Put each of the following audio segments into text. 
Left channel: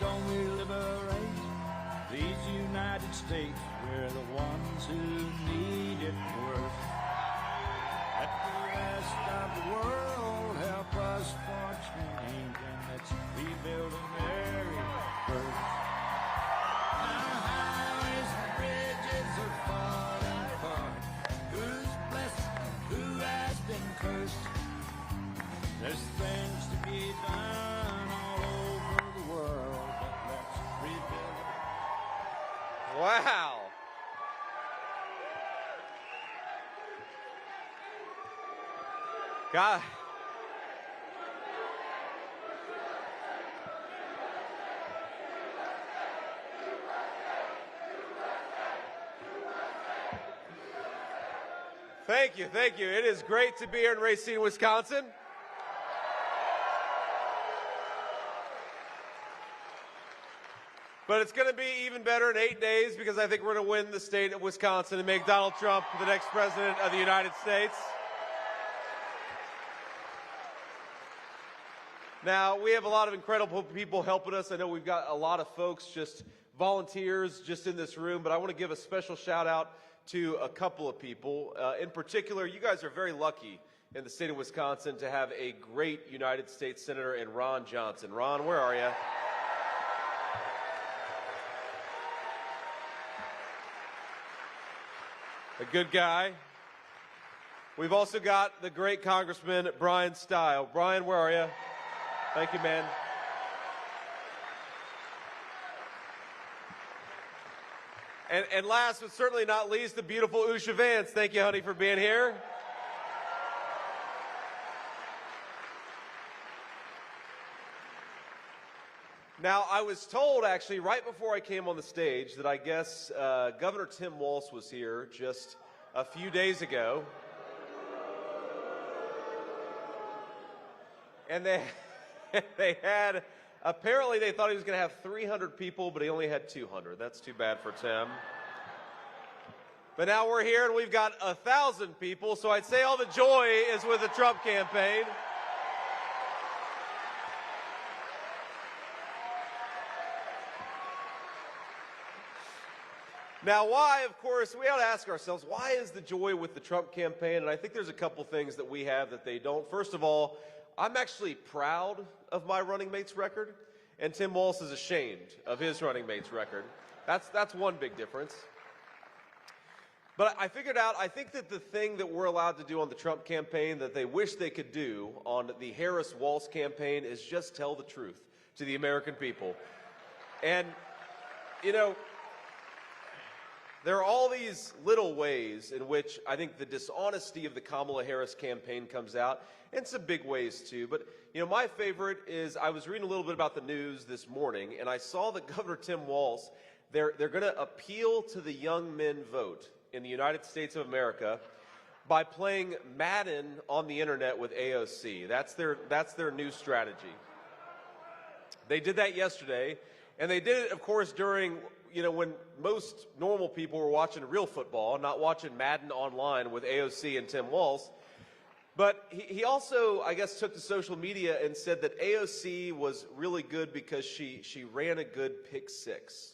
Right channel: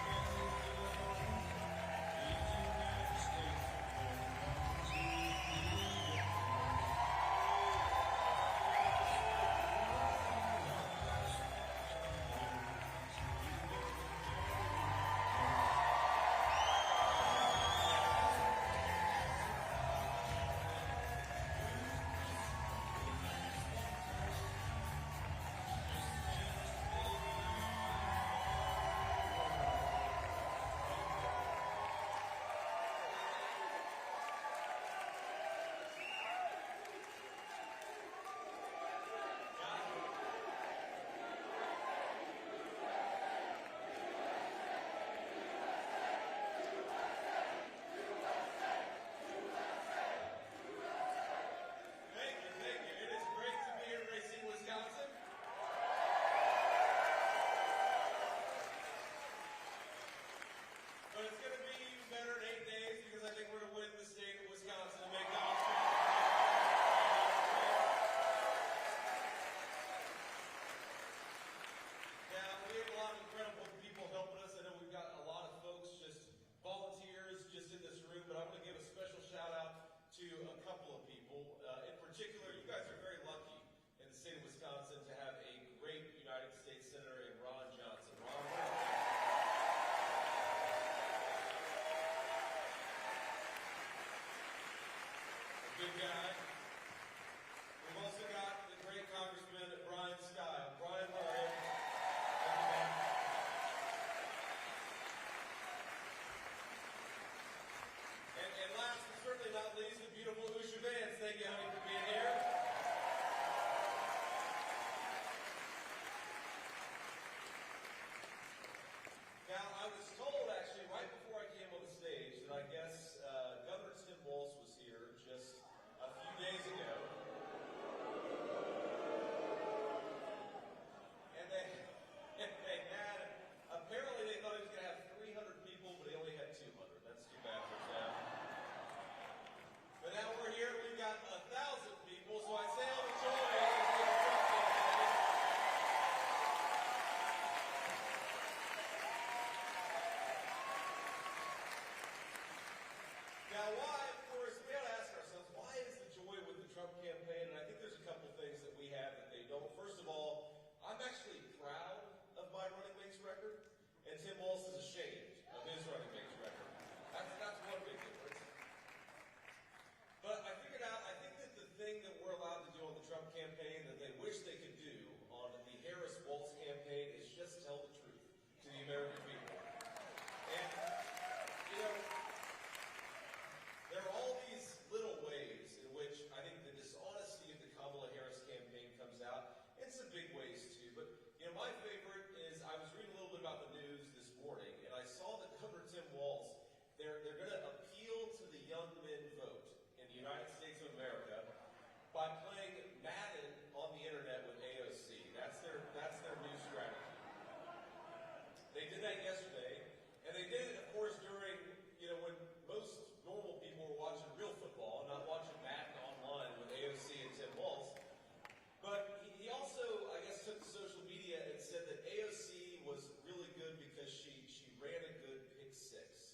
don't we liberate these United States? We're the ones who need it worst. Let the rest of the world help us for change, and let's rebuild America first. Our highways and bridges are falling apart. Who's blessed? Who has been cursed? There's things to be done all over the world, but let's rebuild. Wow. God. Thank you, thank you. It is great to be here in Racine, Wisconsin. But it's going to be even better in 8 days because I think we're going to win the state of Wisconsin and make Donald Trump the next president of the United States. Now, we have a lot of incredible people helping us. I know we've got a lot of folks, just volunteers, just in this room, but I want to give a special shout out to a couple of people. In particular, you guys are very lucky in the state of Wisconsin to have a great United States Senator in Ron Johnson. Ron, where are you? A good guy. We've also got the great Congressman Brian Stile. Brian, where are you? Thank you, man. And last but certainly not least, the beautiful Usha Vance. Thank you, honey, for being here. Now, I was told, actually, right before I came on the stage that I guess Governor Tim Walz was here just a few days ago. And they had, apparently they thought he was going to have 300 people, but he only had 200. That's too bad for Tim. But now we're here and we've got 1,000 people, so I'd say all the joy is with the Trump campaign. Now, why, of course, we ought to ask ourselves, why is the joy with the Trump campaign? And I think there's a couple things that we have that they don't. First of all, I'm actually proud of my running mate's record, and Tim Walz is ashamed of his running mate's record. That's one big difference. But I figured out, I think that the thing that we're allowed to do on the Trump campaign that they wish they could do on the Harris-Walz campaign is just tell the truth to the American people. And, you know, there are all these little ways in which I think the dishonesty of the Kamala Harris campaign comes out, and some big ways too. But, you know, my favorite is I was reading a little bit about the news this morning, and I saw that Governor Tim Walz, they're going to appeal to the young men vote in the United States of America by playing Madden on the internet with AOC. That's their new strategy. They did that yesterday, and they did it, of course, during, you know, when most normal people were watching real football, not watching Madden online with AOC and Tim Walz. But he also, I guess, took to social media and said that AOC was really good because she ran a good pick six.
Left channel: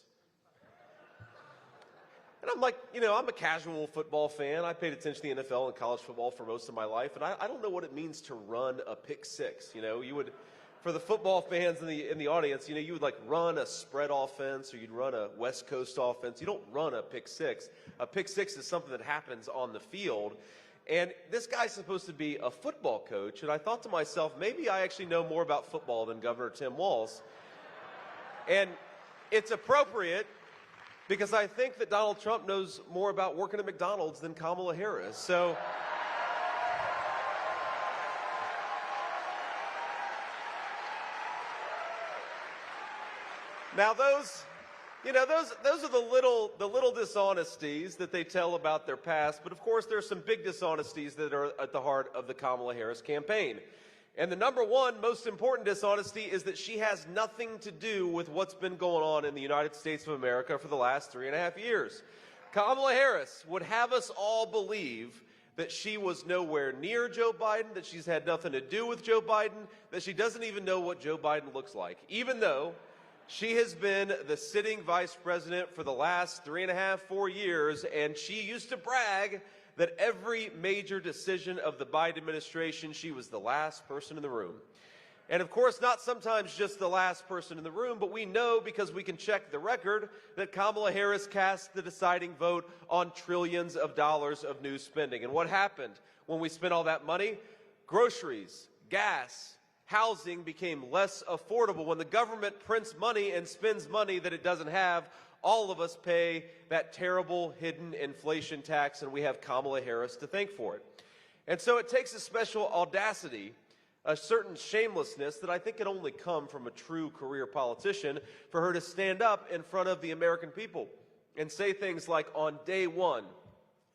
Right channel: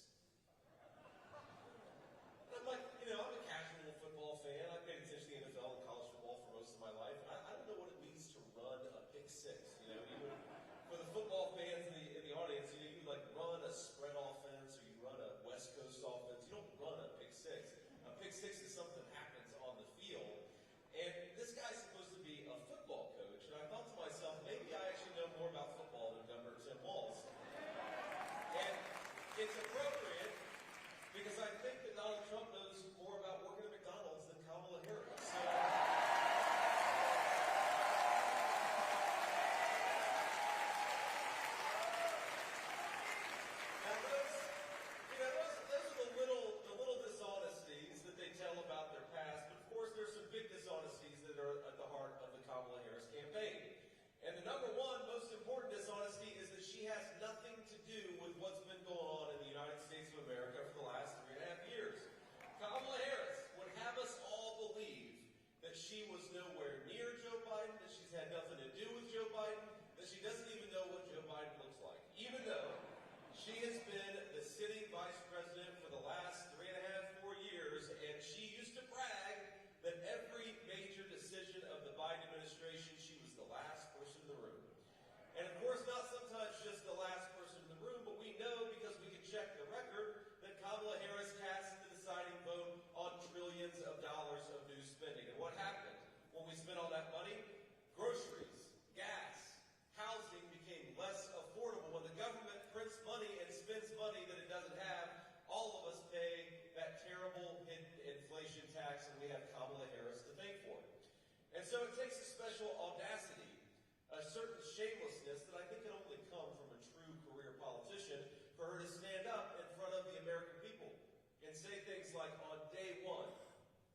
And I'm like, you know, I'm a casual football fan. I paid attention to the NFL and college football for most of my life, and I don't know what it means to run a pick six. You know, you would, for the football fans in the audience, you know, you would like run a spread offense or you'd run a West Coast offense. You don't run a pick six. A pick six is something that happens on the field. And this guy's supposed to be a football coach, and I thought to myself, maybe I actually know more about football than Governor Tim Walz. And it's appropriate because I think that Donald Trump knows more about working at McDonald's than Kamala Harris. So now those are the little dishonesties that they tell about their past, but of course there's some big dishonesties that are at the heart of the Kamala Harris campaign. And the number one most important dishonesty is that she has nothing to do with what's been going on in the United States of America for the last 3.5 years. Kamala Harris would have us all believe that she was nowhere near Joe Biden, that she's had nothing to do with Joe Biden, that she doesn't even know what Joe Biden looks like, even though She has been the sitting vice president for the last 3.5, 4 years, and she used to brag that every major decision of the Biden administration, she was the last person in the room. And of course, not sometimes just the last person in the room, but we know because we can check the record that Kamala Harris cast the deciding vote on trillions of dollars of new spending. And what happened when we spent all that money? Groceries, gas, housing became less affordable. When the government prints money and spends money that it doesn't have, all of us pay that terrible hidden inflation tax, and we have Kamala Harris to thank for it. And so it takes a special audacity, a certain shamelessness that I think can only come from a true career politician for her to stand up in front of the American people and say things like, on day one,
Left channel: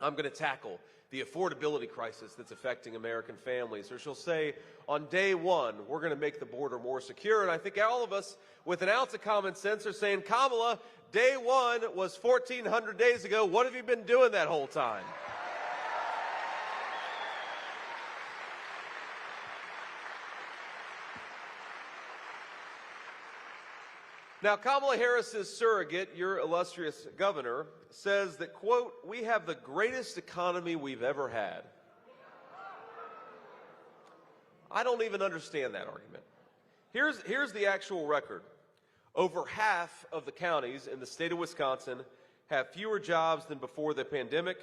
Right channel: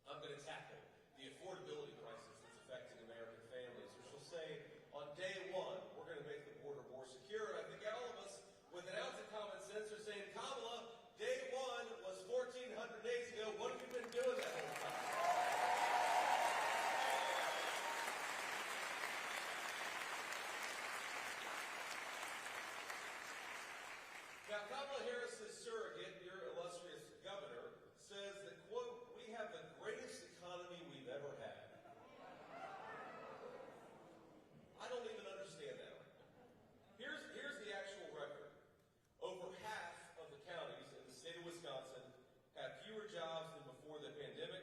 I'm going to tackle the affordability crisis that's affecting American families. Or she'll say, on day one, we're going to make the border more secure. And I think all of us with an ounce of common sense are saying, Kamala, day one was 1,400 days ago. What have you been doing that whole time? Now, Kamala Harris's surrogate, your illustrious governor, says that, quote, we have the greatest economy we've ever had. I don't even understand that argument. Here's the actual record. Over half of the counties in the state of Wisconsin have fewer jobs than before the pandemic,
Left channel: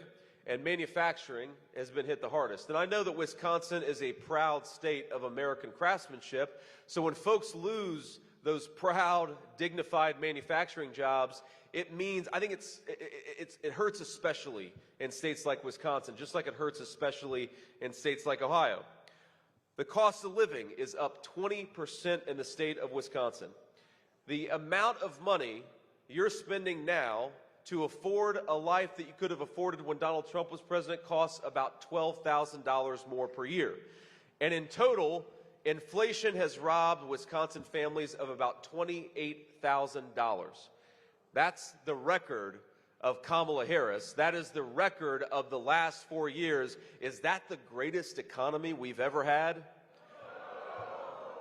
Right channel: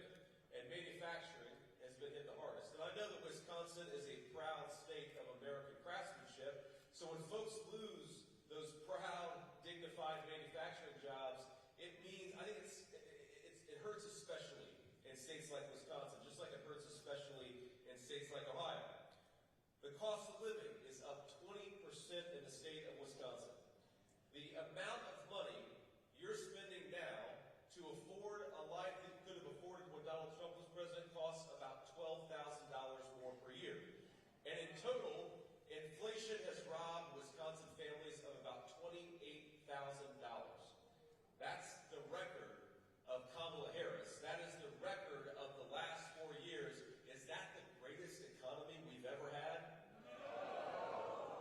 and manufacturing has been hit the hardest. And I know that Wisconsin is a proud state of American craftsmanship, so when folks lose those proud, dignified manufacturing jobs, it means, I think it hurts especially in states like Wisconsin, just like it hurts especially in states like Ohio. The cost of living is up 20% in the state of Wisconsin. The amount of money you're spending now to afford a life that you could have afforded when Donald Trump was president costs about $12,000 more per year. And in total, inflation has robbed Wisconsin families of about $28,000. That's the record of Kamala Harris. That is the record of the last 4 years. Is that the greatest economy we've ever had?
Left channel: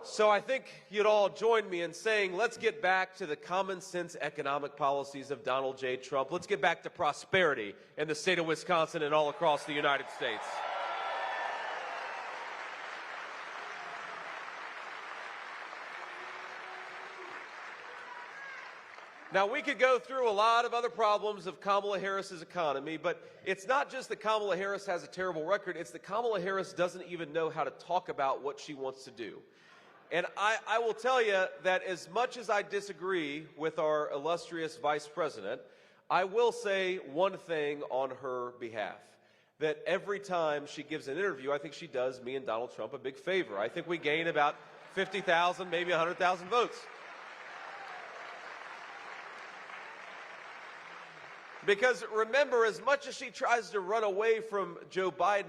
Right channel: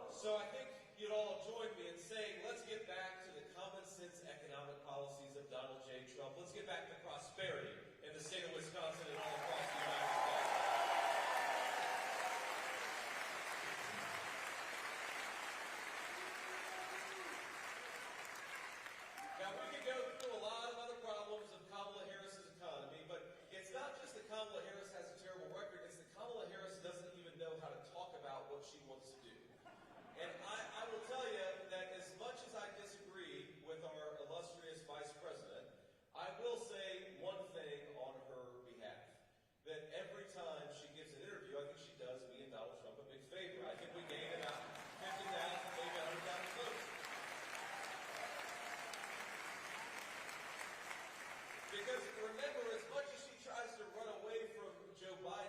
So I think you'd all join me in saying, let's get back to the common sense economic policies of Donald J. Trump. Let's get back to prosperity in the state of Wisconsin and all across the United States. Now, we could go through a lot of other problems of Kamala Harris's economy, but it's not just that Kamala Harris has a terrible record, it's that Kamala Harris doesn't even know how to talk about what she wants to do. And I will tell you that as much as I disagree with our illustrious vice president, I will say one thing on her behalf. That every time she gives an interview, I think she does me and Donald Trump a big favor. I think we gain about 50,000, maybe 100,000 votes. Because remember, as much as she tries to run away from Joe Biden,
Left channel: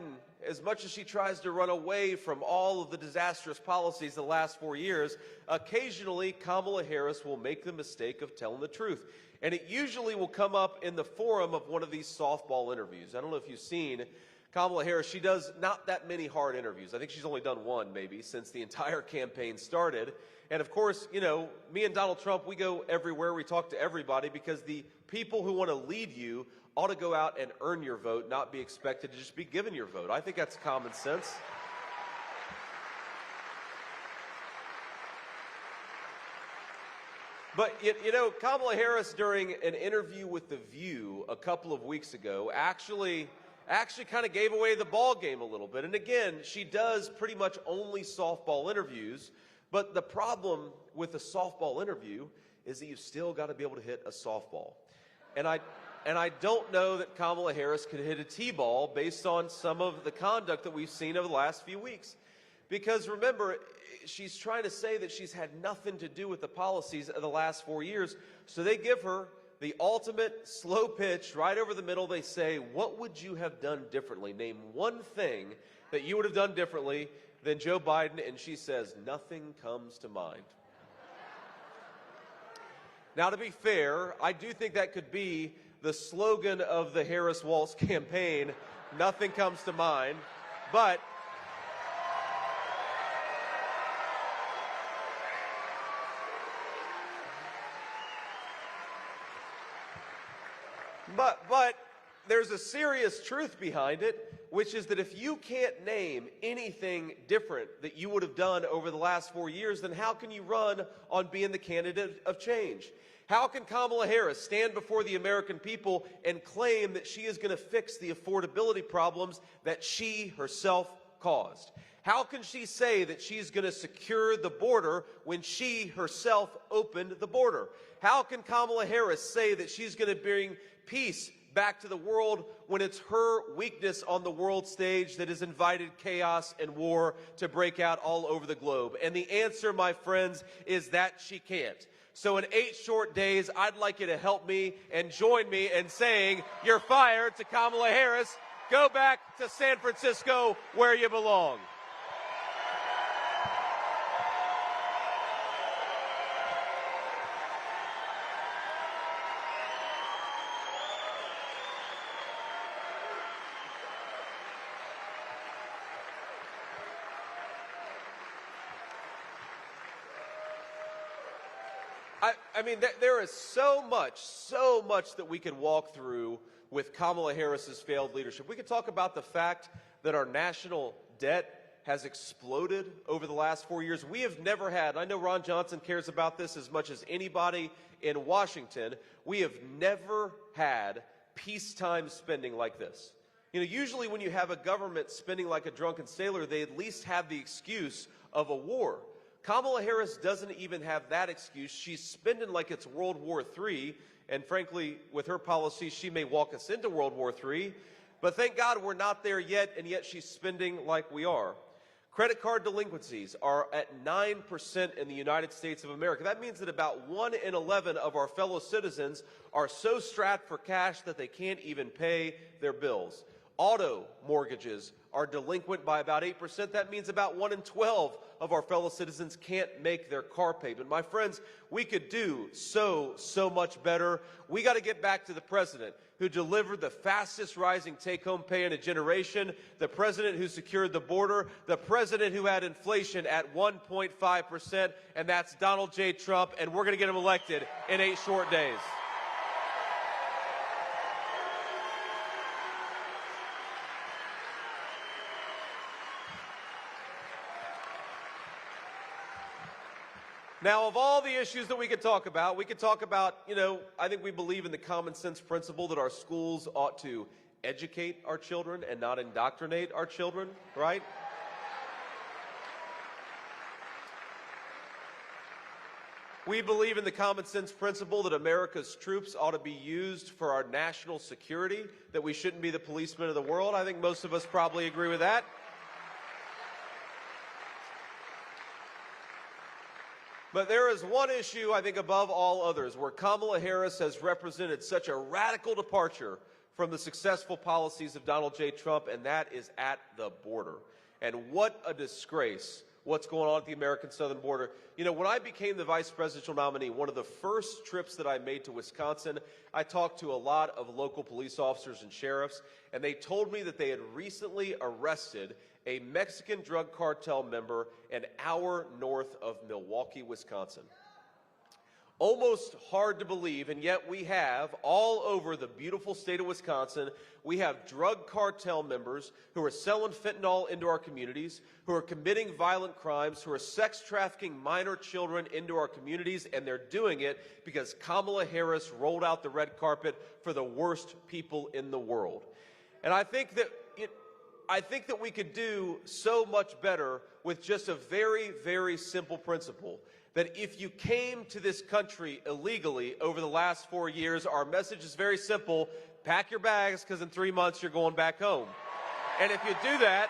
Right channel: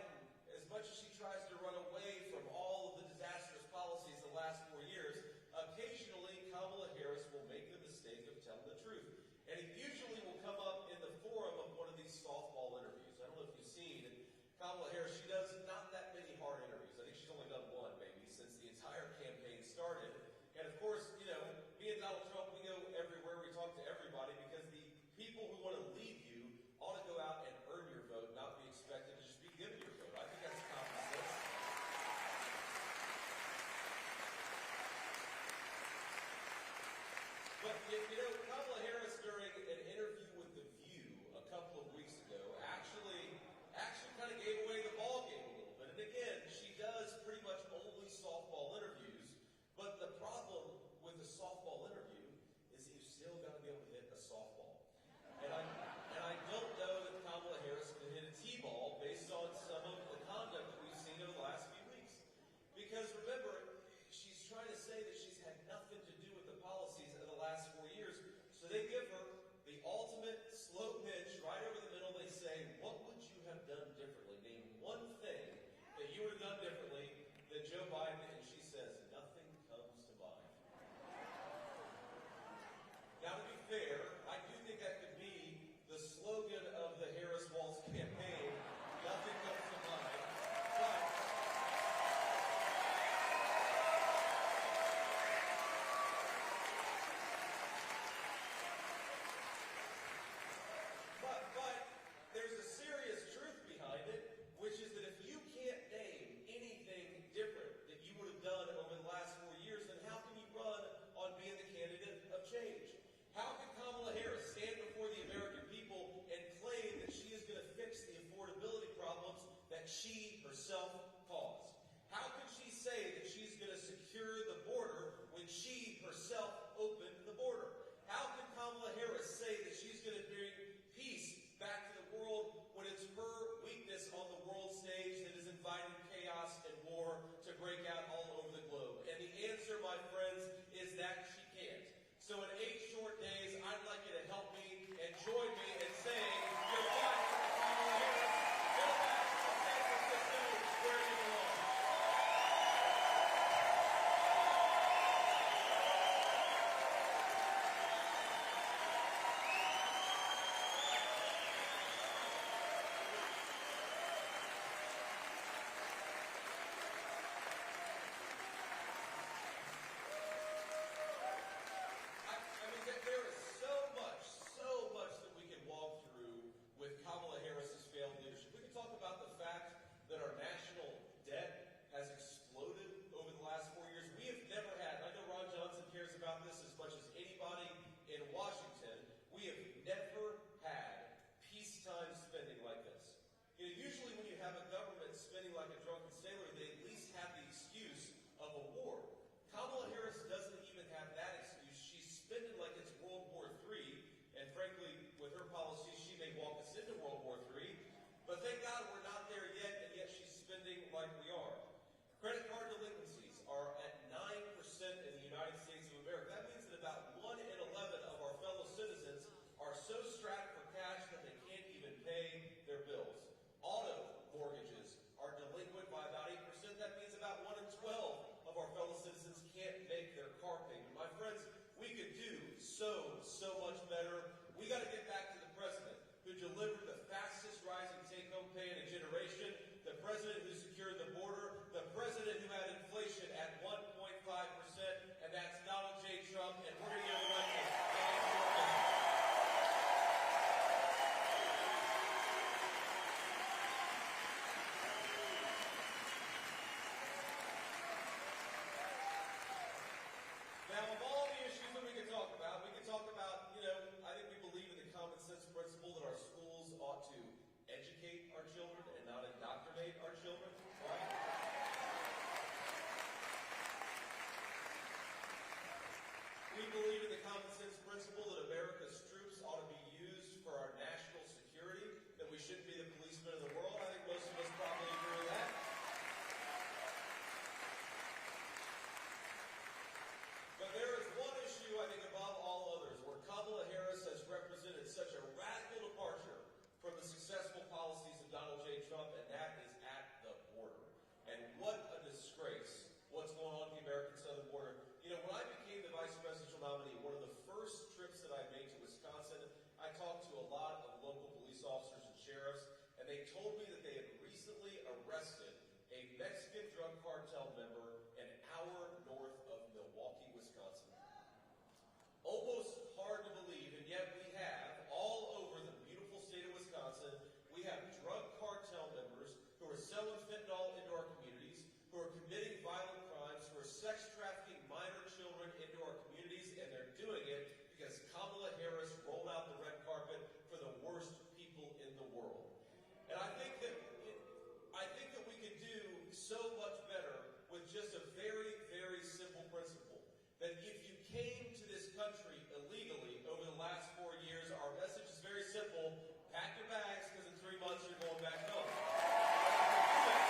as much as she tries to run away from all of the disastrous policies the last 4 years, occasionally Kamala Harris will make the mistake of telling the truth. And it usually will come up in the forum of one of these softball interviews. I don't know if you've seen Kamala Harris. She does not that many hard interviews. I think she's only done one maybe since the entire campaign started. And of course, you know, me and Donald Trump, we go everywhere. We talk to everybody because the people who want to lead you ought to go out and earn your vote, not be expected to just be given your vote. I think that's common sense. But, you know, Kamala Harris, during an interview with The View a couple of weeks ago, actually kind of gave away the ball game a little bit. And again, she does pretty much only softball interviews. But the problem with a softball interview is that you've still got to be able to hit a softball. And I don't know that Kamala Harris could hit a T-ball based on some of the conduct that we've seen over the last few weeks. Because remember, she's trying to say that she's had nothing to do with the policies of the last 4 years. So they give her the ultimate slow pitch right over the middle. They say, what would you have done differently? Name one thing that you would have done differently than Joe Biden. And she says, nothing comes to mind. Now, to be fair, I do think that could be the slogan of the Harris-Walz campaign, nothing comes to mind. But But there's a serious truth behind it, which is that if you can't name anything different that you would have done over the last 4 years, then how can you run on being the candidate of change? How can Kamala Harris stand before the American people and claim that she is going to fix the affordability problems that she herself caused? How can she say that she's going to secure the border when she herself opened the border? How can Kamala Harris say that she's going to bring peace back to the world when it's her weakness on the world stage that has invited chaos and war to break out all over the globe? And the answer, my friends, is that she can't. So in 8 short days, I'd like you to help me and join me in saying you're fired to Kamala Harris. Go back to San Francisco where you belong. I mean, there is so much that we can walk through with Kamala Harris's failed leadership. We could talk about the fact that our national debt has exploded over the last 4 years. We have never had, I know Ron Johnson cares about this as much as anybody in Washington, we have never had peacetime spending like this. You know, usually when you have a government spending like a drunken sailor, they at least have the excuse of a war. Kamala Harris doesn't even have that excuse. She's spending like it's World War III, and frankly, with her policy, she may walk us into World War III. But thank God we're not there yet, and yet she's spending like we are. Credit card delinquencies are at 9% in the United States of America. That means that about 1 in 11 of our fellow citizens are so strapped for cash that they can't even pay their bills. Auto mortgages are delinquent by about 8%. That means about 1 in 12 of our fellow citizens can't make their car payment. My friends, we could do so much better. We got to get back to the president who delivered the fastest rising take-home pay in a generation, the president who secured the border, the president who had inflation at 1.5%, and that's Donald J. Trump, and we're going to get him elected in 8 short days. Now, of all the issues that we could talk about, you know, I think we believe in the common sense principle that our schools ought to educate our children and not indoctrinate our children, right? We believe in the common sense principle that America's troops ought to be used for our national security, that we shouldn't be the policemen of the world. I think most of us probably agree with that. But there is one issue, I think, above all others, where Kamala Harris has represented such a radical departure from the successful policies of Donald J. Trump, and that is at the border. And what a disgrace what's going on at the American southern border. You know, when I became the vice presidential nominee, one of the first trips that I made to Wisconsin, I talked to a lot of local police officers and sheriffs, and they told me that they had recently arrested a Mexican drug cartel member an hour north of Milwaukee, Wisconsin. Almost hard to believe, and yet we have, all over the beautiful state of Wisconsin, we have drug cartel members who are selling fentanyl into our communities, who are committing violent crimes, who are sex trafficking minor children into our communities, and they're doing it because Kamala Harris rolled out the red carpet for the worst people in the world. And I think that we could do so much better with just a very, very simple principle. That if you came to this country illegally over the last 4 years, our message is very simple. Pack your bags, because in 3 months you're going back home. And if you do that,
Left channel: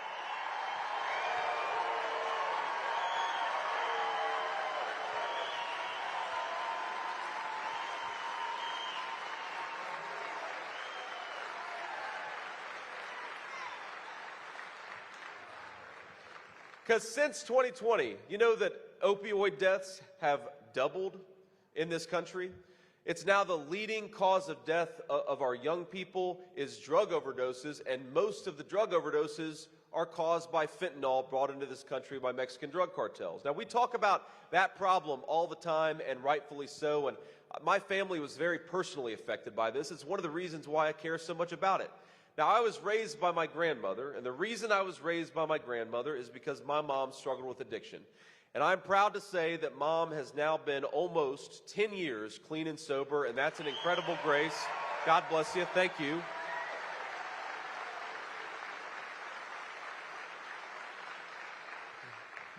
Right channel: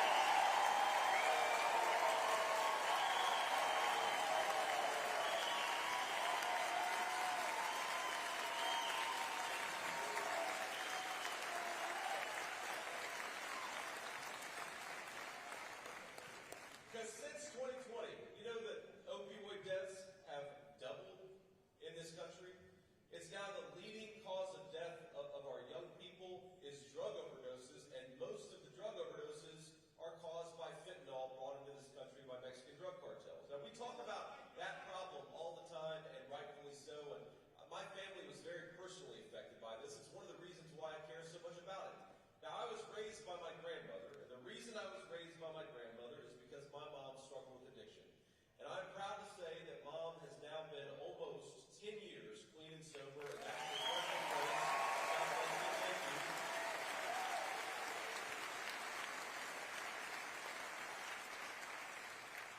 because since 2020, you know that opioid deaths have doubled in this country. It's now the leading cause of death of our young people is drug overdoses, and most of the drug overdoses are caused by fentanyl brought into this country by Mexican drug cartels. Now, we talk about that problem all the time, and rightfully so, and my family was very personally affected by this. It's one of the reasons why I care so much about it. Now, I was raised by my grandmother, and the reason I was raised by my grandmother is because my mom struggled with addiction. And I'm proud to say that Mom has now been almost 10 years clean and sober, and that's an incredible grace. God bless you. Thank you.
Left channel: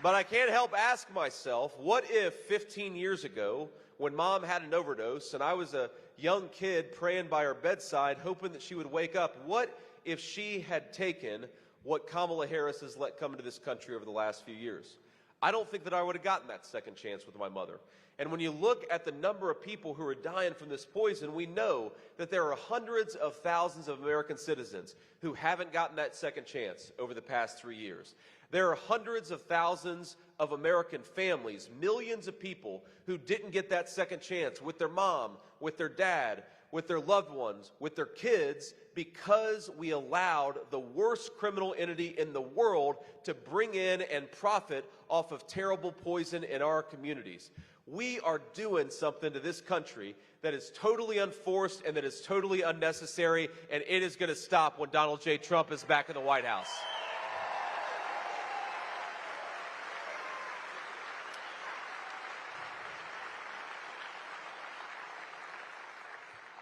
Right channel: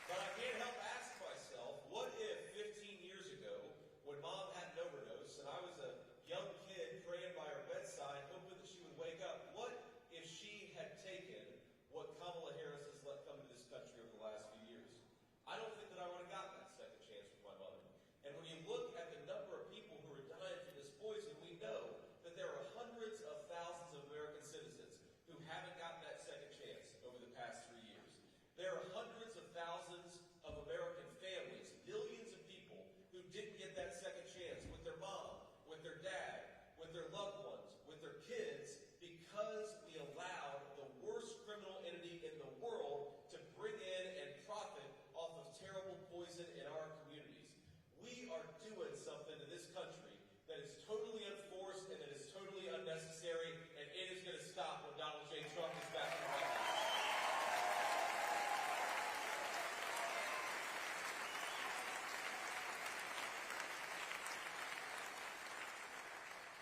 But I can't help ask myself, what if 15 years ago, when Mom had an overdose and I was a young kid praying by her bedside, hoping that she would wake up, what if she had taken what Kamala Harris has let come into this country over the last few years? I don't think that I would have gotten that second chance with my mother. And when you look at the number of people who are dying from this poison, we know that there are hundreds of thousands of American citizens who haven't gotten that second chance over the past 3 years. There are hundreds of thousands of American families, millions of people who didn't get that second chance with their mom, with their dad, with their loved ones, with their kids, because we allowed the worst criminal entity in the world to bring in and profit off of terrible poison in our communities. We are doing something to this country that is totally unforced and that is totally unnecessary, and it is going to stop when Donald J. Trump is back in the White House.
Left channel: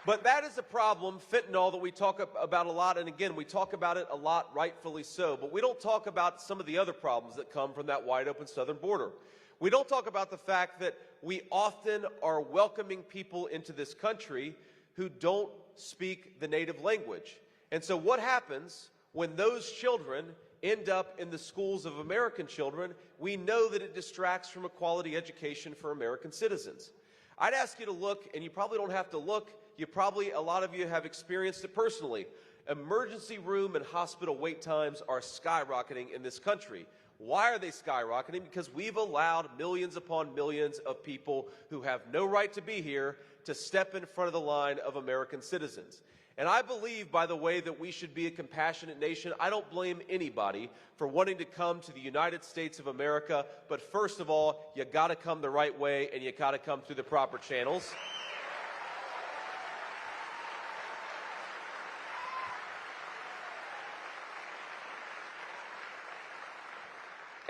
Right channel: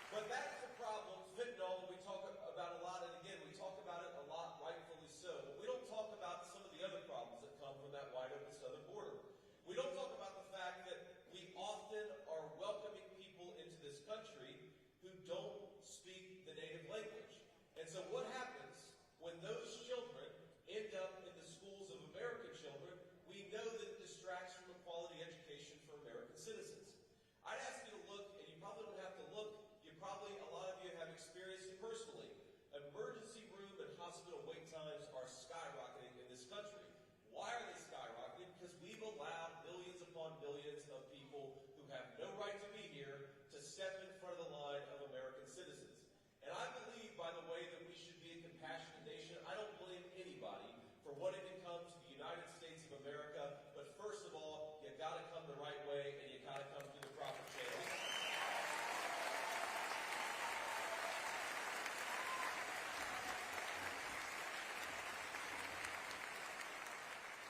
But that is a problem, fentanyl, that we talk about a lot, and again, we talk about it a lot, rightfully so, but we don't talk about some of the other problems that come from that wide open southern border. We don't talk about the fact that we often are welcoming people into this country who don't speak the native language. And so what happens when those children end up in the schools of American children? We know that it distracts from a quality education for American citizens. I'd ask you to look, and you probably don't have to look, a lot of you have experienced it personally. Emergency room and hospital wait times are skyrocketing in this country. Why are they skyrocketing? Because we've allowed millions upon millions of people who have no right to be here to step in front of the line of American citizens. And I believe, by the way, that we should be a compassionate nation. I don't blame anybody for wanting to come to the United States of America, but first of all, you got to come the right way and you got to come through the proper channels.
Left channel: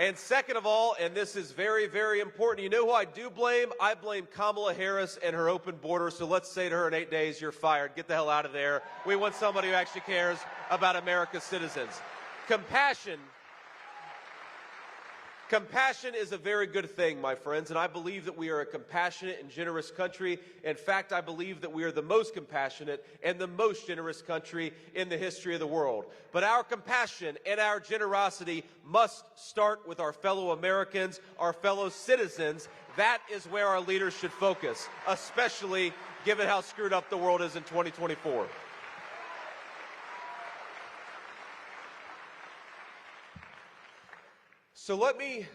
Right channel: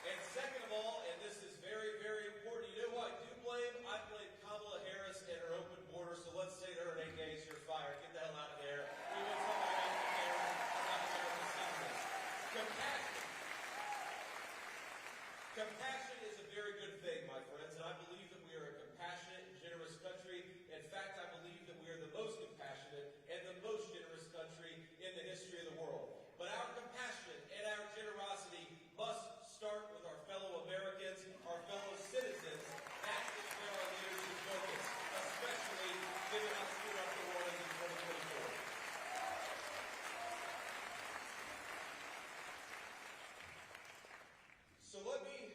And second of all, and this is very, very important, you know who I do blame? I blame Kamala Harris and her open border. So let's say to her in 8 days, you're fired. Get the hell out of there. We want somebody who actually cares about America's citizens. Compassion is a very good thing, my friends, and I believe that we are a compassionate and generous country. In fact, I believe that we are the most compassionate and the most generous country in the history of the world. But our compassion and our generosity must start with our fellow Americans, our fellow citizens. That is where our leaders should focus, especially given how screwed up the world is in 2024. So let me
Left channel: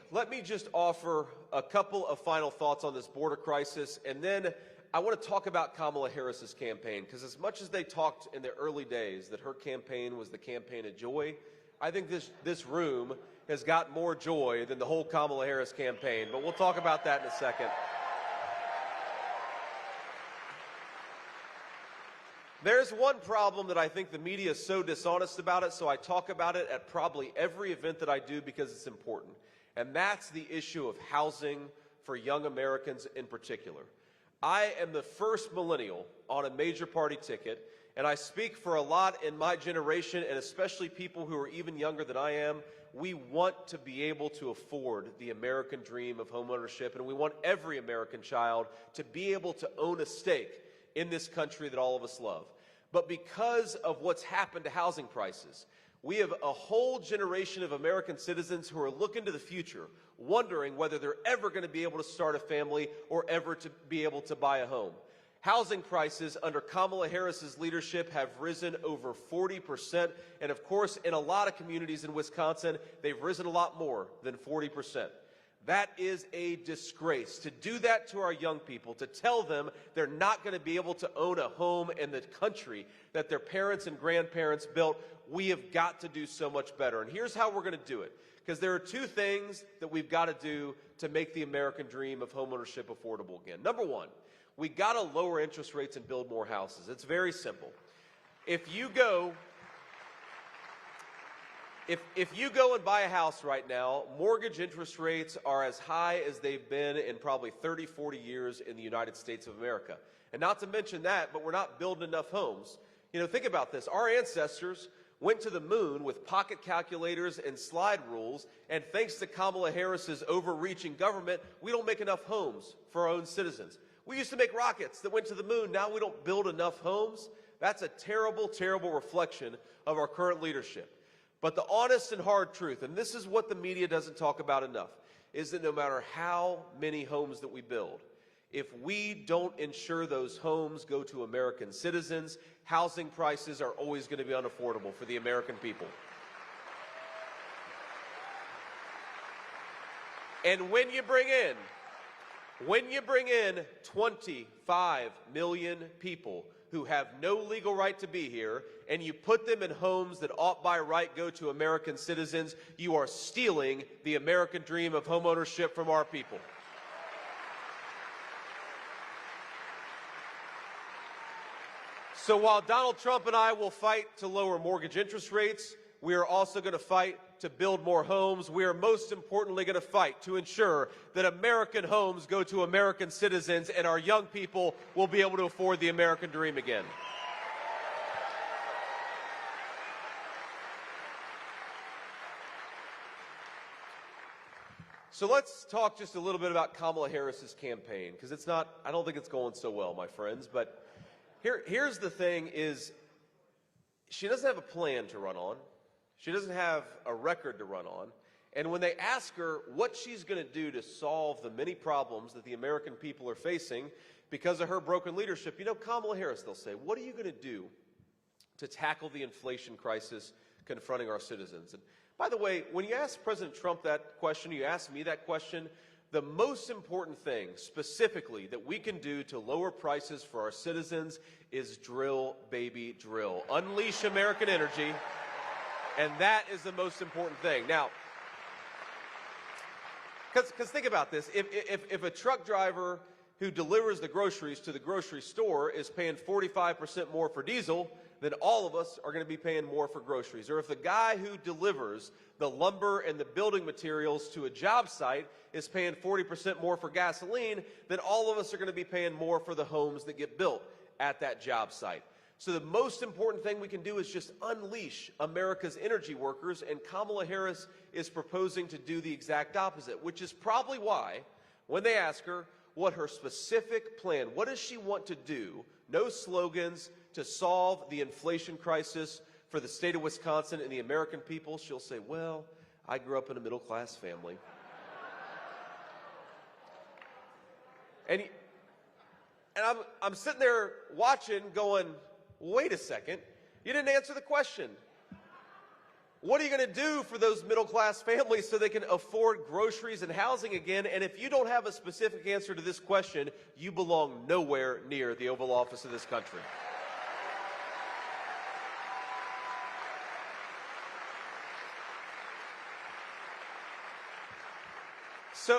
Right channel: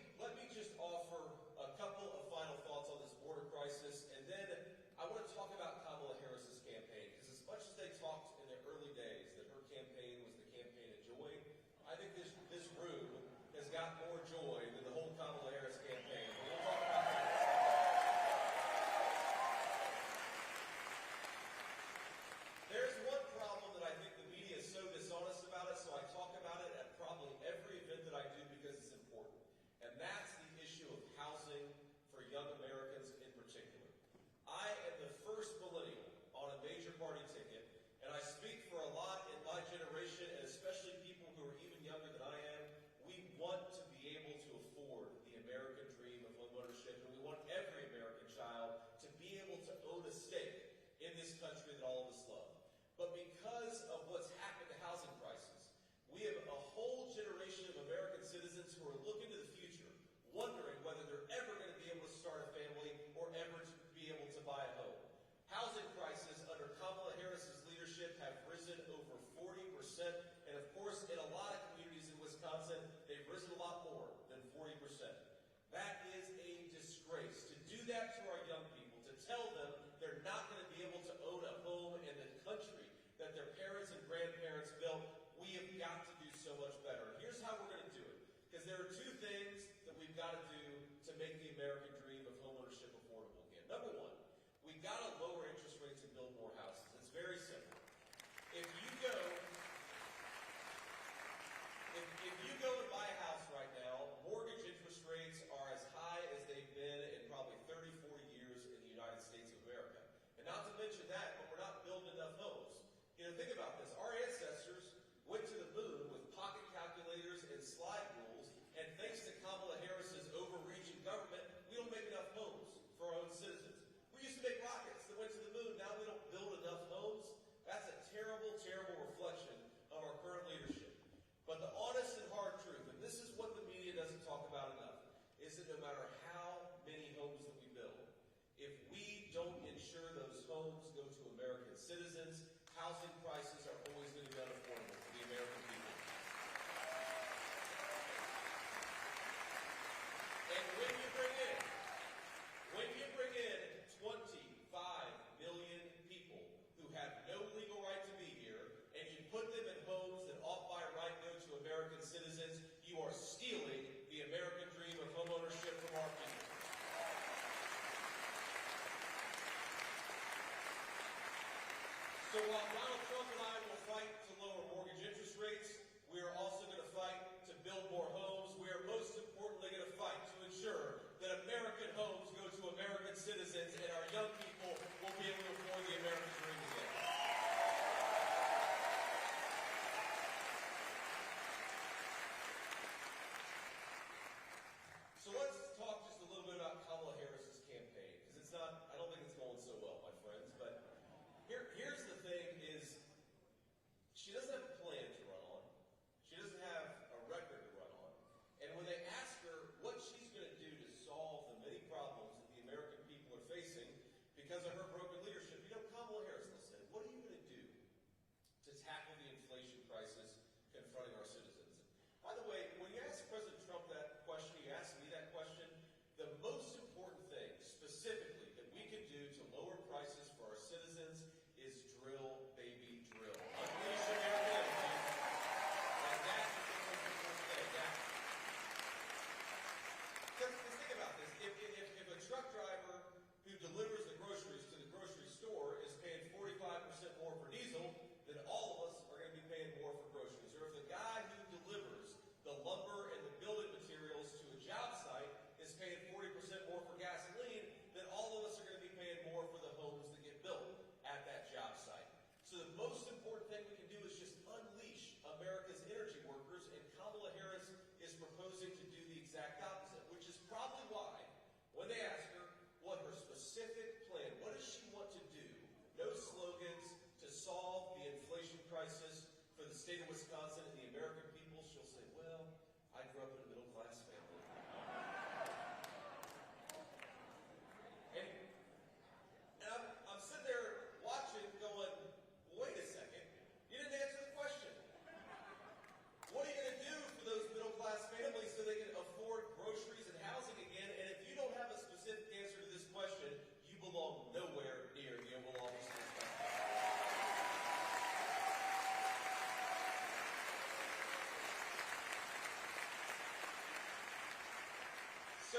just offer a couple of final thoughts on this border crisis, and then I want to talk about Kamala Harris's campaign, because as much as they talked in the early days that her campaign was the campaign of joy, I think this room has got more joy than the whole Kamala Harris campaign, but we'll talk about that in a second. There's one problem that I think the media is so dishonest about it, so I talk about it at probably every event that I do because it's important. And that's the issue of housing for young Americans in particular. I am the first millennial on a major party ticket, and I speak for a lot in my generation, and especially people who are even younger than I am. We want to be able to afford the American dream of homeownership, and we want every American child to be able to own a stake in this country that all of us love. But because of what's happened to housing prices, we have a whole generation of American citizens who are looking to the future, wondering whether they're ever going to be able to start a family or ever to be able to buy a home. Housing prices under Kamala Harris's leadership have risen over 40%, and of course, in a lot of communities in Wisconsin, they've risen a lot more than 40%. That is a disgrace. To do that to our young people, to tell them they're not going to be able to own a home in the country that their parents and grandparents built, we have got to do so much better. And here's how we're going to do it. Because there are two things that we've got to do to make the American dream of homeownership affordable again. Number one, We got to lower interest rates and build more houses. It's very simple. If you go and buy a house right now, mortgage interest rates are as high as they've been in probably 30, 40 years in the United States of America. And not to mention that, but we're not building enough homes. You know, think about this. Our ancestors went to the moon with pocket calculators and slide rules, and thanks to Kamala Harris's overreaching government, we don't make enough homes for our own citizens. We used to make rockets that went to the moon. Now we don't build enough homes. That's a terrible, terrible reflection of our current leadership. But the honest and hard truth, and this is what the media doesn't talk about enough, is that no matter how many homes that we build, if we don't ensure those homes go to American citizens, housing prices are always going to be unaffordable for the American people. And when you bring in 25 million people who have no legal right to be here, and you put them in homes that ought by right go to American citizens, you are stealing the American dream of homeownership from our people. So while Donald Trump and I will fight to lower mortgage interest rates, we are also going to fight to build more homes. We are most importantly going to fight to ensure that American homes go to American citizens and our young people will be able to afford the American dream again. So let's talk just a little bit about Kamala Harris's campaign, because I don't think it's going so well, my friends. But here's the thing is, she doesn't have a plan to run on. She doesn't have a record to run on. And when they ask her what she's going to do to solve the many problems that the American people are facing because of her broken leadership, you know, Kamala Harris, they'll say, what are you going to do to tackle the inflation crisis confronting our citizens? And by the way, when you ask President Trump that question, you ask me that question, the most important thing specifically that we can do to lower prices for our citizens is drill, baby, drill. Unleash American energy. And that is the most important thing. Now, because think about this. If a truck driver who delivers the groceries to the grocery store is paying 45% more for diesel, then all of us are going to be paying more for groceries. Or if the guy who delivers the lumber and the building materials to a job site is paying 40% more for gasoline, then all of us are going to be paying more for the homes that get built at that job site. So the most important thing we can do is just unleash America's energy workers, and Kamala Harris is proposing to do the exact opposite, which is probably why, when they ask her what her specific plan, what does she want to do, no slogans, to solve the inflation crisis for the state of Wisconsin and the American people, she'll say, well, I grew up in a middle-class family. And I'm sitting there watching going, wait a second, you didn't answer the question. What are you going to do for those middle-class families so they can afford groceries and housing again? And if you don't have a specific answer to this question, you belong nowhere near the Oval Office of this country.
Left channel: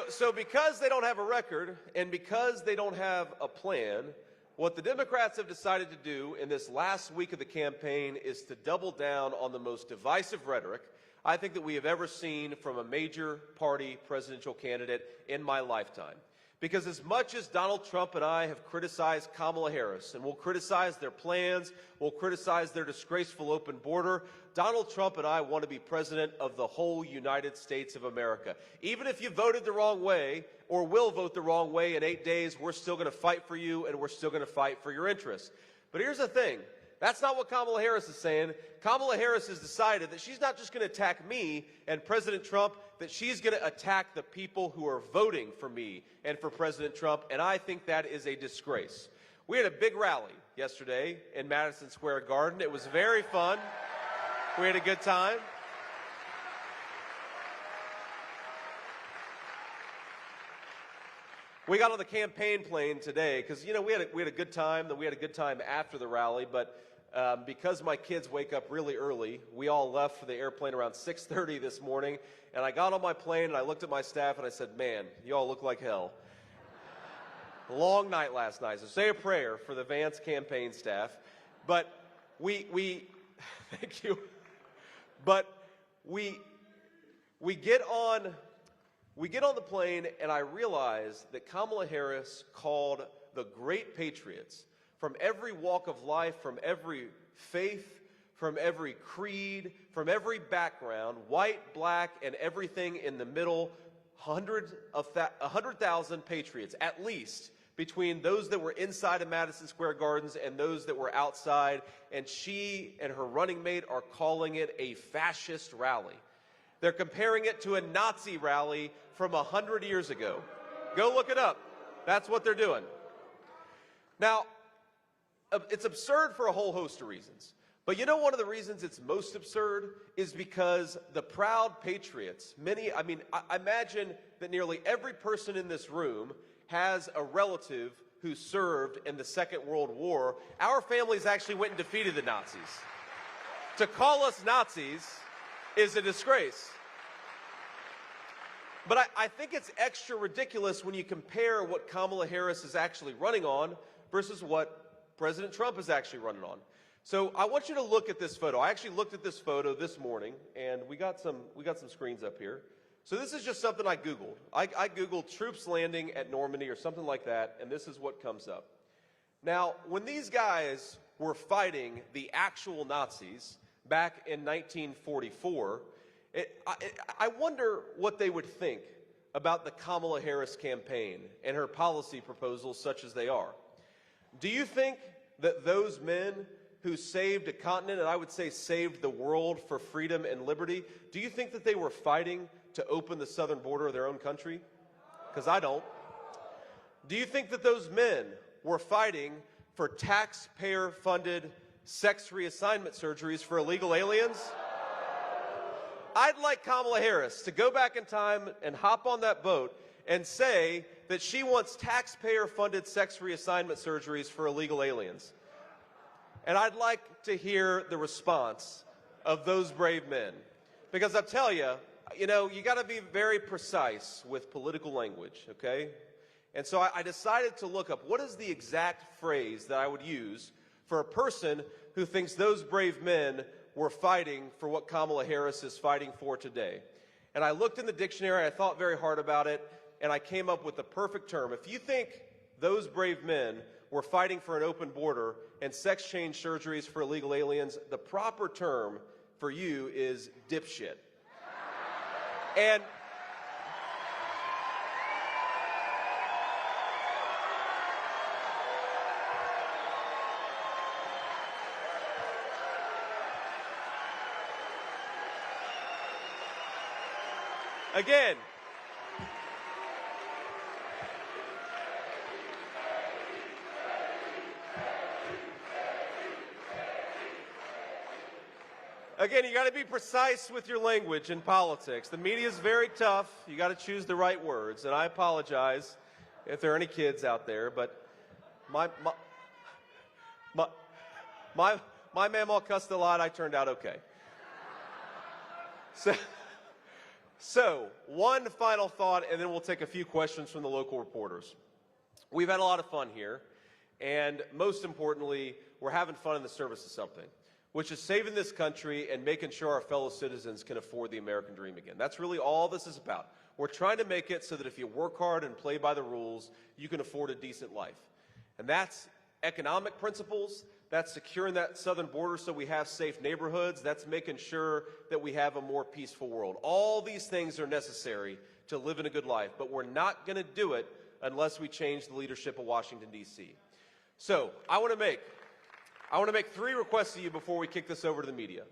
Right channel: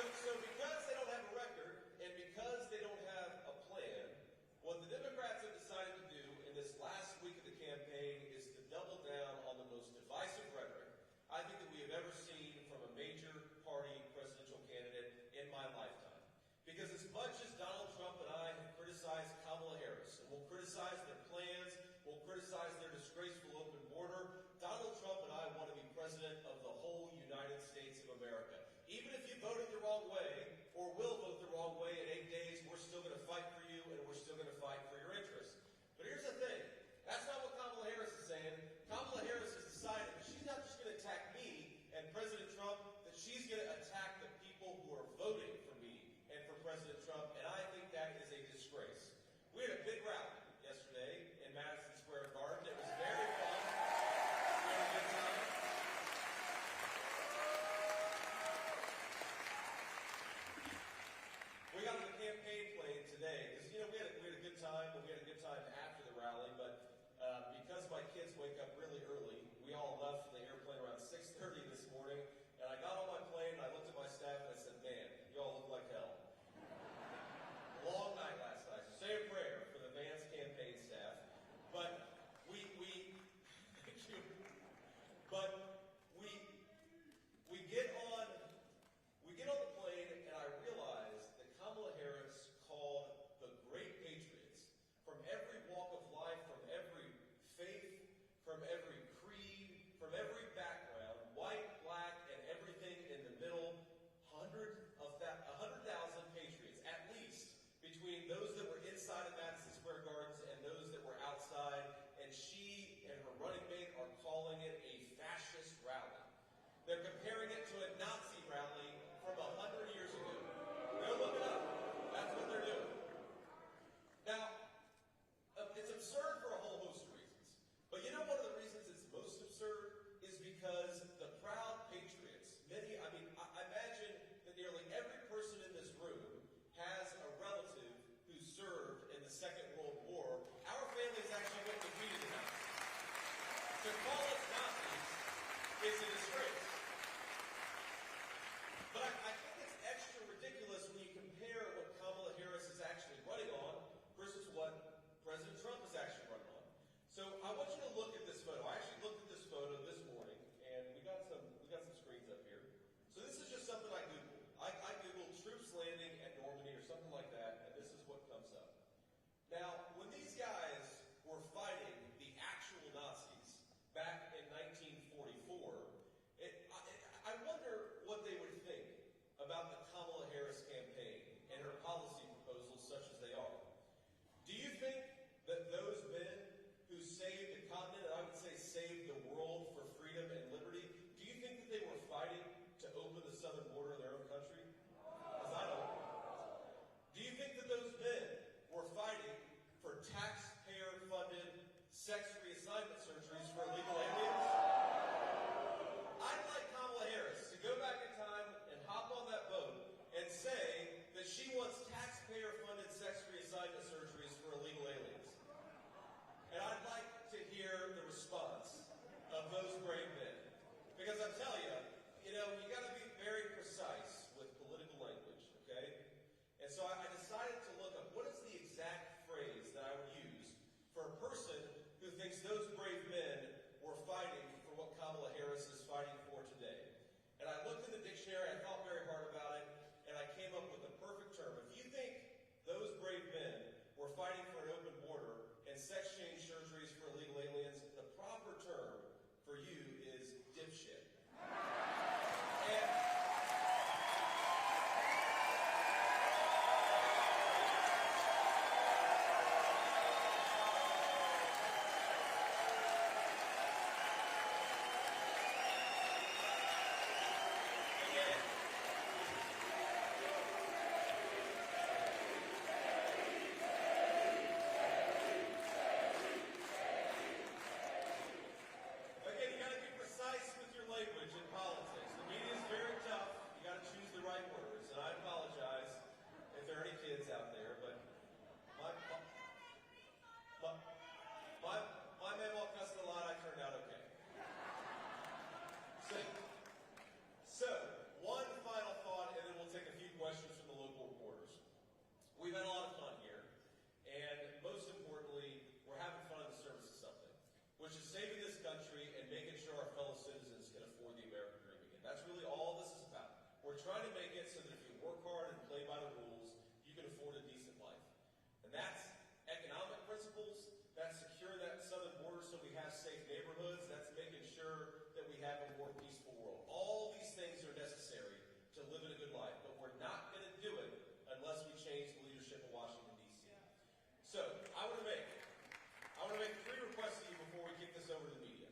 So because they don't have a record and because they don't have a plan, what the Democrats have decided to do in this last week of the campaign is to double down on the most divisive rhetoric I think that we have ever seen from a major party presidential candidate in my lifetime. Because as much as Donald Trump and I have criticized Kamala Harris, and we'll criticize their plans, we'll criticize their disgraceful open border, Donald Trump and I want to be president of the whole United States of America. Even if you voted the wrong way or will vote the wrong way in 8 days, we're still going to fight for you and we're still going to fight for your interests. But here's the thing. That's not what Kamala Harris is saying. Kamala Harris has decided that she's not just going to attack me and President Trump, that she's going to attack the people who are voting for me and for President Trump, and I think that is a disgrace. We had a big rally yesterday in Madison Square Garden. It was very fun. We had a good time. We got on the campaign plane today because, you know, we had a good time. We had a good time after the rally, but because my kids wake up really early, we all left for the airplane around 6:30 this morning, and I got on my plane and I looked at my staff and I said, man, you all look like hell. Long night last night. So say a prayer for the Vance campaign staff. But we thank you. But we get on the plane, and I realize that Kamala Harris called the great patriots from every walk of life, from every faith, from every creed, from every background, white, black, and everything in the middle, 100,000 patriots, at least, between those that were inside of Madison Square Gardens and those that were outside, and she and her running mate are calling it a fascist rally. They're comparing it to a Nazi rally from 100 years ago. Go look it up. That's what they're doing. Now, it's absurd for a whole host of reasons. But you know one of the reasons it's most absurd is because the proud patriots, I imagine that nearly every person in this room has a relative who served in the Second World War. Our families actually went and defeated the Nazis. To call us Nazis is a disgrace. But I think it's extra ridiculous when you compare what Kamala Harris is actually running on versus what President Trump is actually running on. So I want you to look at this photo. I actually looked at this photo this morning, and we got some screens up here. So this is just something I Googled. I Googled troops landing at Normandy or something like that, and this is what comes up. Now, when these guys were fighting the actual Nazis back in 1944, I wonder what they would think about the Kamala Harris campaign and her policy proposals such as they are. Do you think that those men who saved a continent, and I would say saved the world for freedom and liberty, do you think that they were fighting to open the southern border of their own country? Because I don't. Do you think that those men were fighting for taxpayer-funded sex reassignment surgeries for illegal aliens? I'd like Kamala Harris to go back in time and hop on that boat and say that she wants taxpayer-funded sex reassignment surgeries for illegal aliens. And I'd like to hear the response of those brave men. Because I'll tell you, you got to be very precise with political language, okay? And so I decided to look up what is the exact phrase that I would use for a person who thinks those brave men were fighting for what Kamala Harris is fighting for today. And I looked in the dictionary, I thought very hard about it, and I came up with the perfect term. If you think those brave men were fighting for an open border and sex change surgeries for illegal aliens, the proper term for you is dipshit. And again, you got to be precise with your language in politics. The media is very tough. You got to choose the right words. And I apologize if there are any kids out there, but my mamaw cussed a lot. I turned out okay. So one final thought, and then we'll take a few questions from the local reporters. We've had a lot of fun here, and most importantly, we're having fun in the service of something, which is saving this country and making sure our fellow citizens can afford the American dream again. That's really all this is about. We're trying to make it so that if you work hard and play by the rules, you can afford a decent life. And that's economic principles. That's securing that southern border so we have safe neighborhoods. That's making sure that we have a more peaceful world. All these things are necessary to live in a good life, but we're not going to do it unless we change the leadership of Washington, D.C. So I want to make 3 requests to you before we kick this over to the media.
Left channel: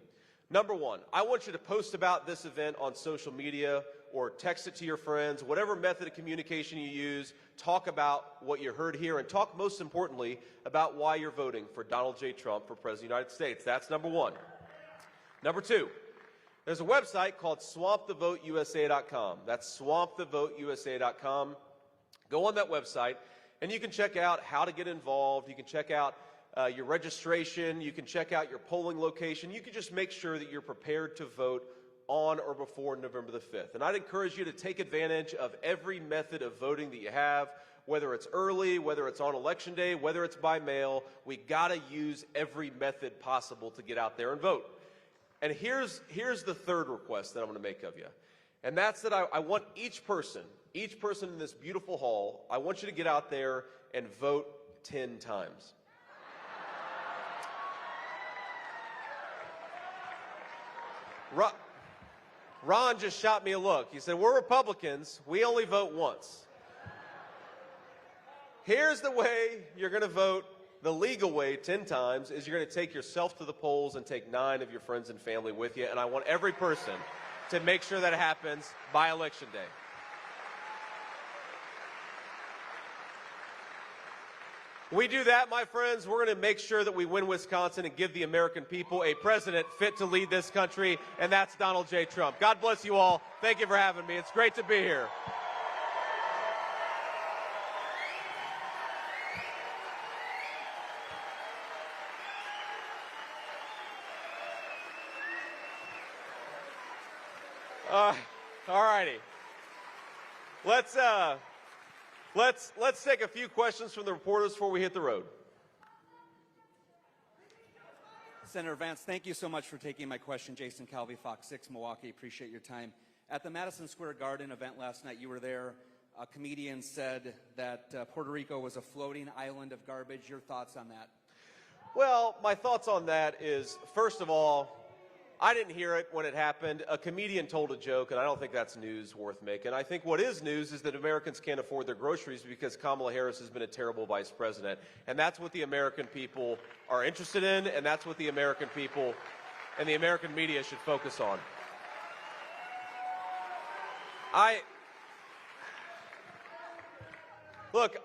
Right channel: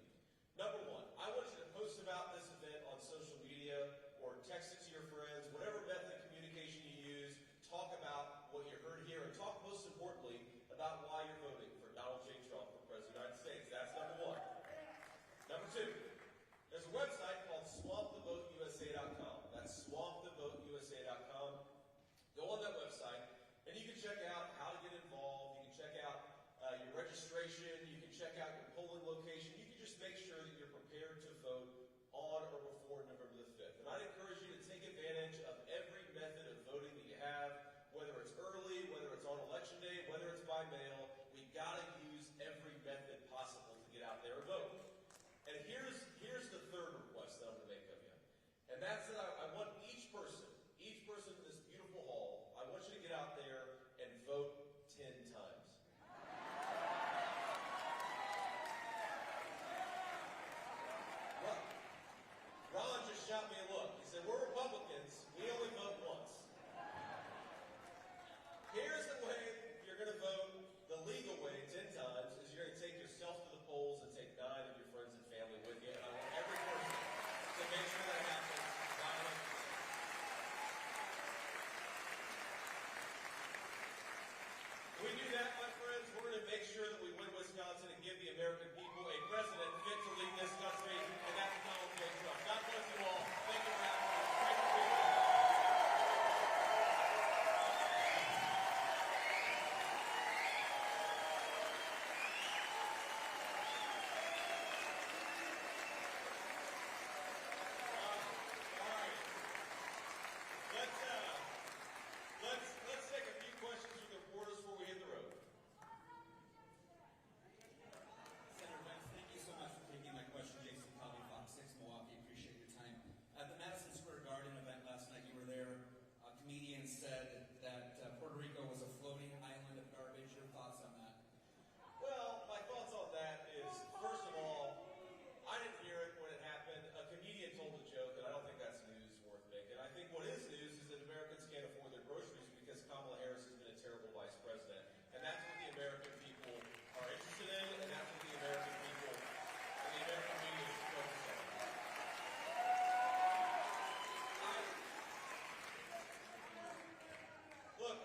Number 1, I want you to post about this event on social media or text it to your friends, whatever method of communication you use. Talk about what you heard here and talk most importantly about why you're voting for Donald J. Trump for President of the United States. That's number 1. Number 2, there's a website called swampthevoteusa.com. That's swampthevoteusa.com. Go on that website and you can check out how to get involved. You can check out your registration. You can check out your polling location. You can just make sure that you're prepared to vote on or before November the 5th. And I'd encourage you to take advantage of every method of voting that you have, whether it's early, whether it's on Election Day, whether it's by mail. We got to use every method possible to get out there and vote. And here's the third request that I'm going to make of you. And that's that I want each person in this beautiful hall, I want you to get out there and vote 10 times. Ron just shot me a look. He said, we're Republicans. We only vote once. Here's the way you're going to vote the legal way 10 times is you're going to take yourself to the polls and take 9 of your friends and family with you. And I want every person to make sure that happens by Election Day. We do that, my friends, we're going to make sure that we win Wisconsin and give the American people a president fit to lead this country, and that's Donald J. Trump. God bless you all. Thank you for having me. It's great to be here. All righty. Let's take a few questions from the reporters before we hit the road. Senator Vance, thank you so much for taking my question. Jason Calvi, FOX 6 Milwaukee. Appreciate your time. At the Madison Square Garden event last night, you were there. A comedian said that Puerto Rico was a floating island of garbage. Your thoughts on that? Well, my thoughts on that is, first of all, I didn't hear it when it happened. A comedian told a joke, and I don't think that's news worth making. I think what is news is that Americans can't afford their groceries because Kamala Harris has been a terrible vice president. And that's what the American people are interested in, and that's what the American people and the American media should focus on. Look,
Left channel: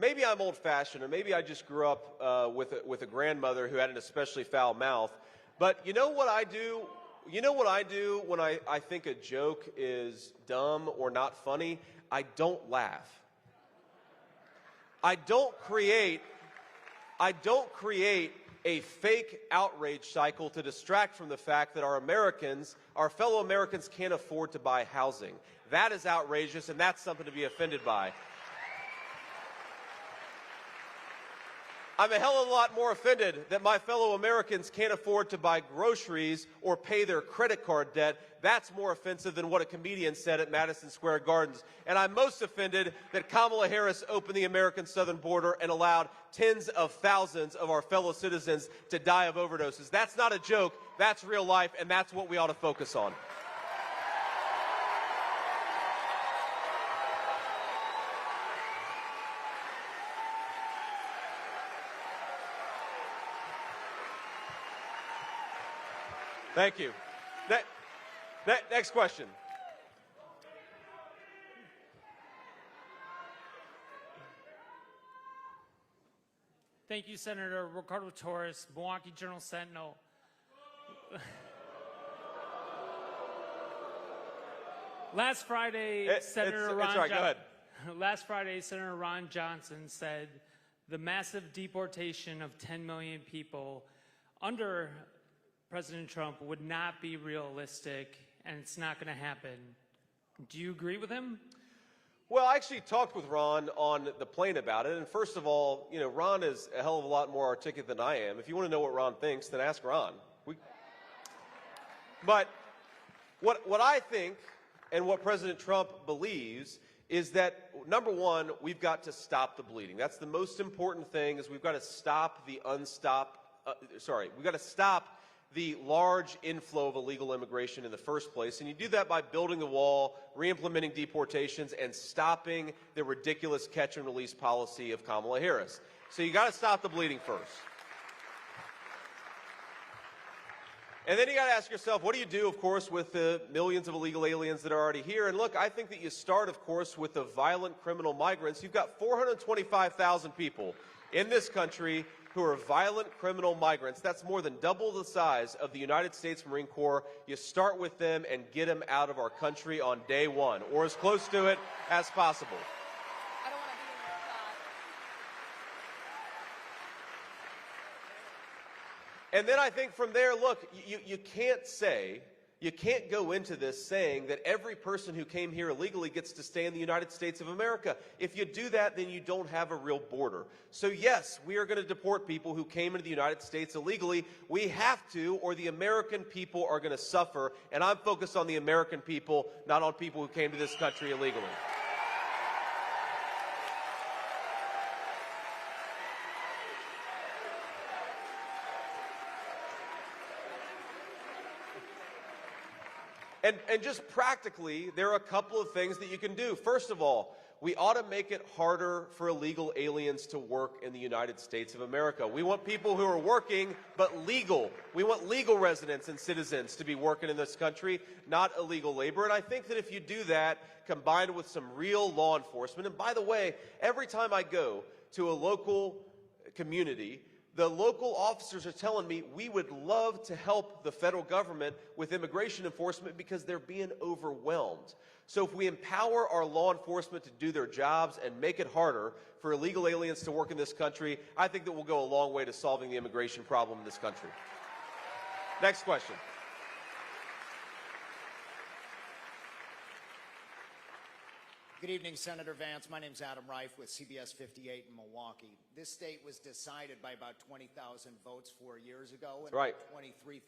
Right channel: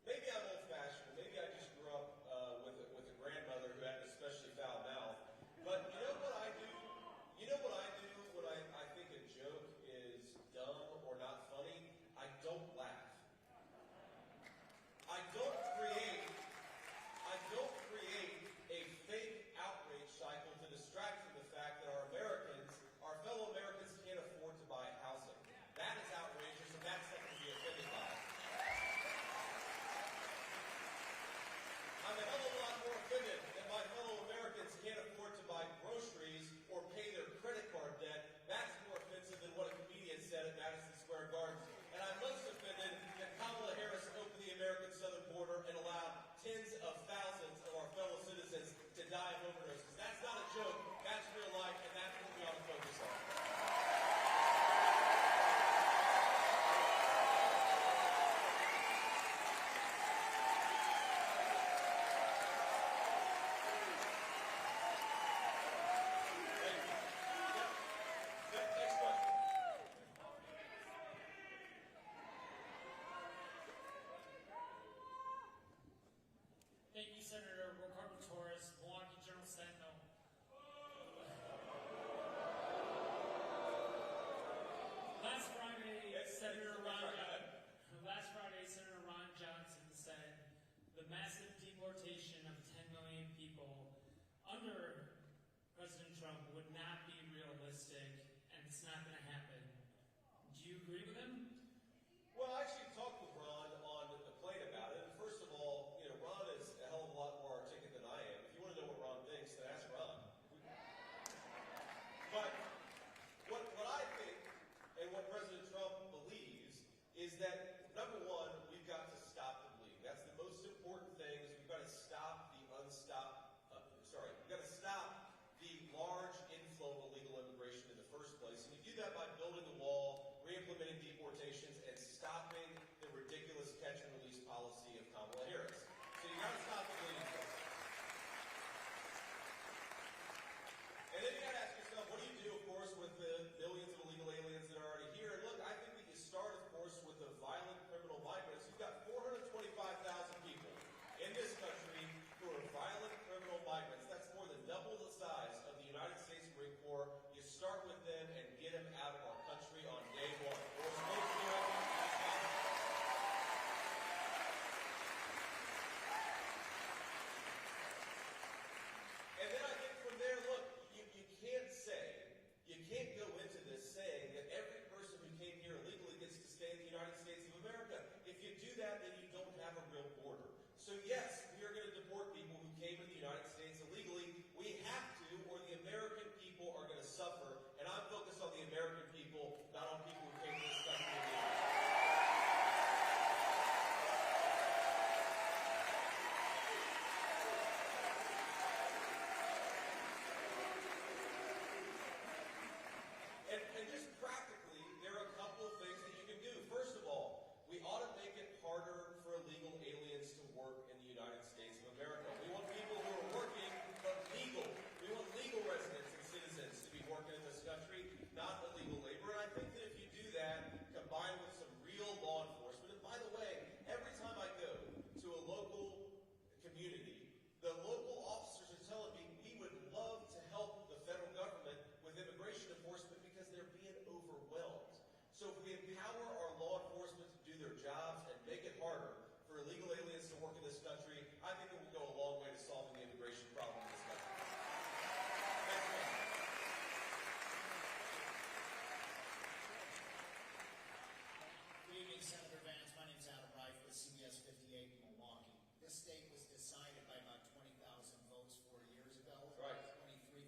maybe I'm old-fashioned, or maybe I just grew up with a grandmother who had an especially foul mouth. But you know what I do? You know what I do when I think a joke is dumb or not funny? I don't laugh. I don't create a fake outrage cycle to distract from the fact that our fellow Americans can't afford to buy housing. That is outrageous, and that's something to be offended by. I'm a hell of a lot more offended that my fellow Americans can't afford to buy groceries or pay their credit card debt. That's more offensive than what a comedian said at Madison Square Gardens. And I'm most offended that Kamala Harris opened the American southern border and allowed tens of thousands of our fellow citizens to die of overdoses. That's not a joke. That's real life, and that's what we ought to focus on. Thank you. Next question. Thank you, Senator Ricardo Torres, Milwaukee Journal-Sentinel. Last Friday, Senator Ron Johnson said the massive deportation of 10 million people under President Trump would not be realistic, and it's not going to happen. Do you agree with him? Well, I actually talked with Ron on the plane about it, and first of all, you know, Ron is a hell of a lot more articulate than I am. If you want to know what Ron thinks, then ask Ron. But what I think and what President Trump believes is that, number one, we've got to stop the bleeding. That's the most important thing, is we've got to stop we've got to stop the large inflow of illegal immigration in the first place. And you do that by building the wall, re-implementing deportations, and stopping the ridiculous catch-and-release policy of Kamala Harris. So you got to stop the bleeding first. And then you got to ask yourself, what do you do, of course, with the millions of illegal aliens that are already here? And look, I think that you start, of course, with the violent criminal migrants. You've got 425,000 people in this country who are violent criminal migrants. That's more than double the size of the United States Marine Corps. You start with them and get them out of our country on day one, or as close to it as possible. And then I think from there, look, you can't say You can't go into this saying that every person who came here illegally gets to stay in the United States of America. If you do that, then you don't have a real border. So yes, we are going to deport people who came into the United States illegally. We have to, or the American people are going to suffer. And I'm focused on the American people, not on people who came to this country illegally. And just practically, there are a couple of things that you can do. First of all, we ought to make it harder for illegal aliens to work in the United States of America. We want people who are working, but legal. We want legal residents and citizens to be working in this country, not illegal labor. And I think that if you do that, combined with some real law enforcement, and by the way, every time I go to a local community, the local officers are telling me we would love to help the federal government with immigration enforcement because they're being overwhelmed. So if we empower our law enforcement to do their jobs and make it harder for illegal aliens to work in this country, I think that we'll go a long way to solving the immigration problem in this country. Next question. Good evening, Senator Vance. My name is Adam Reif with CBS 58 in Milwaukee. This state was decided by about 20,000 votes 4 years ago, and right. 23,000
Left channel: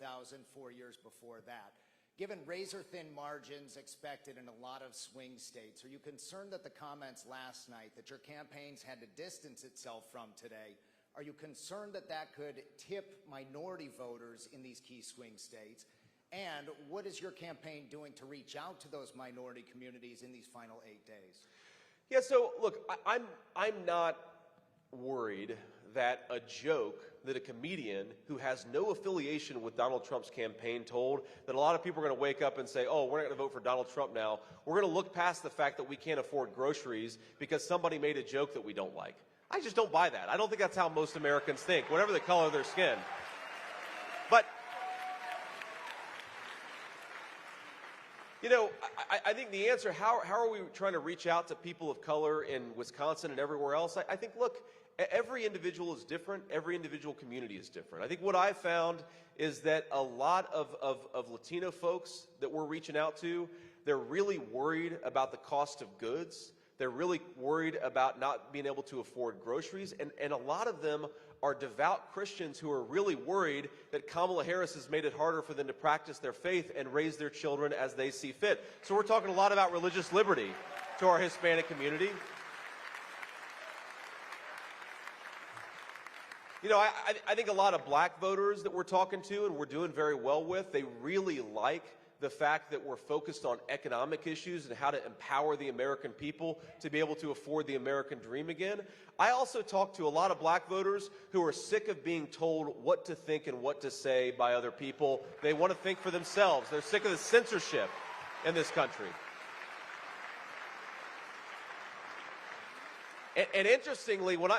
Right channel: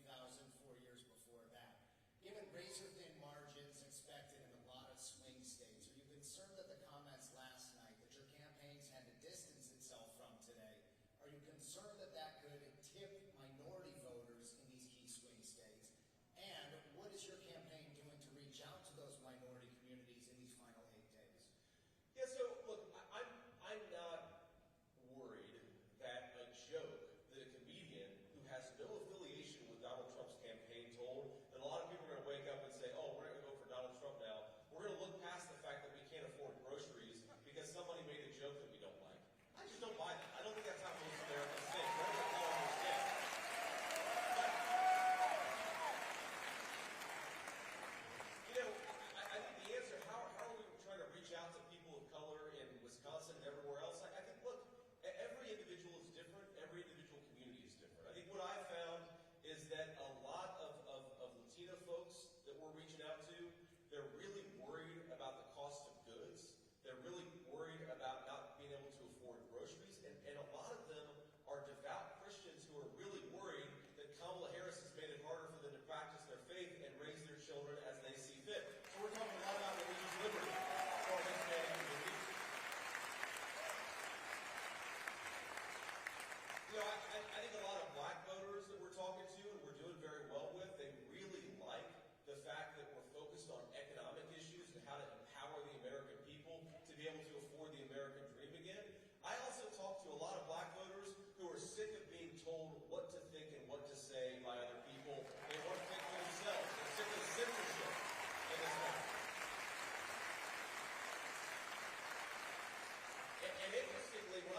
4 years before that. Given razor-thin margins expected in a lot of swing states, are you concerned that the comments last night that your campaigns had to distance itself from today, are you concerned that that could tip minority voters in these key swing states? And what is your campaign doing to reach out to those minority communities in these final 8 days? Yeah, so look, I'm not worried that a joke that a comedian who has no affiliation with Donald Trump's campaign told, that a lot of people are going to wake up and say, oh, we're not going to vote for Donald Trump now. We're going to look past the fact that we can't afford groceries because somebody made a joke that we don't like. I just don't buy that. I don't think that's how most Americans think, whatever the color of their skin. But you know, I think the answer, how are we trying to reach out to people of color in Wisconsin and everywhere else? I think, look, every individual is different. Every individual community is different. I think what I found is that a lot of Latino folks that we're reaching out to, they're really worried about the cost of goods. They're really worried about not being able to afford groceries. And a lot of them are devout Christians who are really worried that Kamala Harris has made it harder for them to practice their faith and raise their children as they see fit. So we're talking a lot about religious liberty to our Hispanic community. You know, I think a lot of black voters that we're talking to and we're doing very well with, they really like the fact that we're focused on economic issues and how to empower the American people to be able to afford the American dream again. I also talk to a lot of black voters who are sick of being told what to think and what to say by other people. They want to think for themselves. They're sick of the censorship in this country. And interestingly, when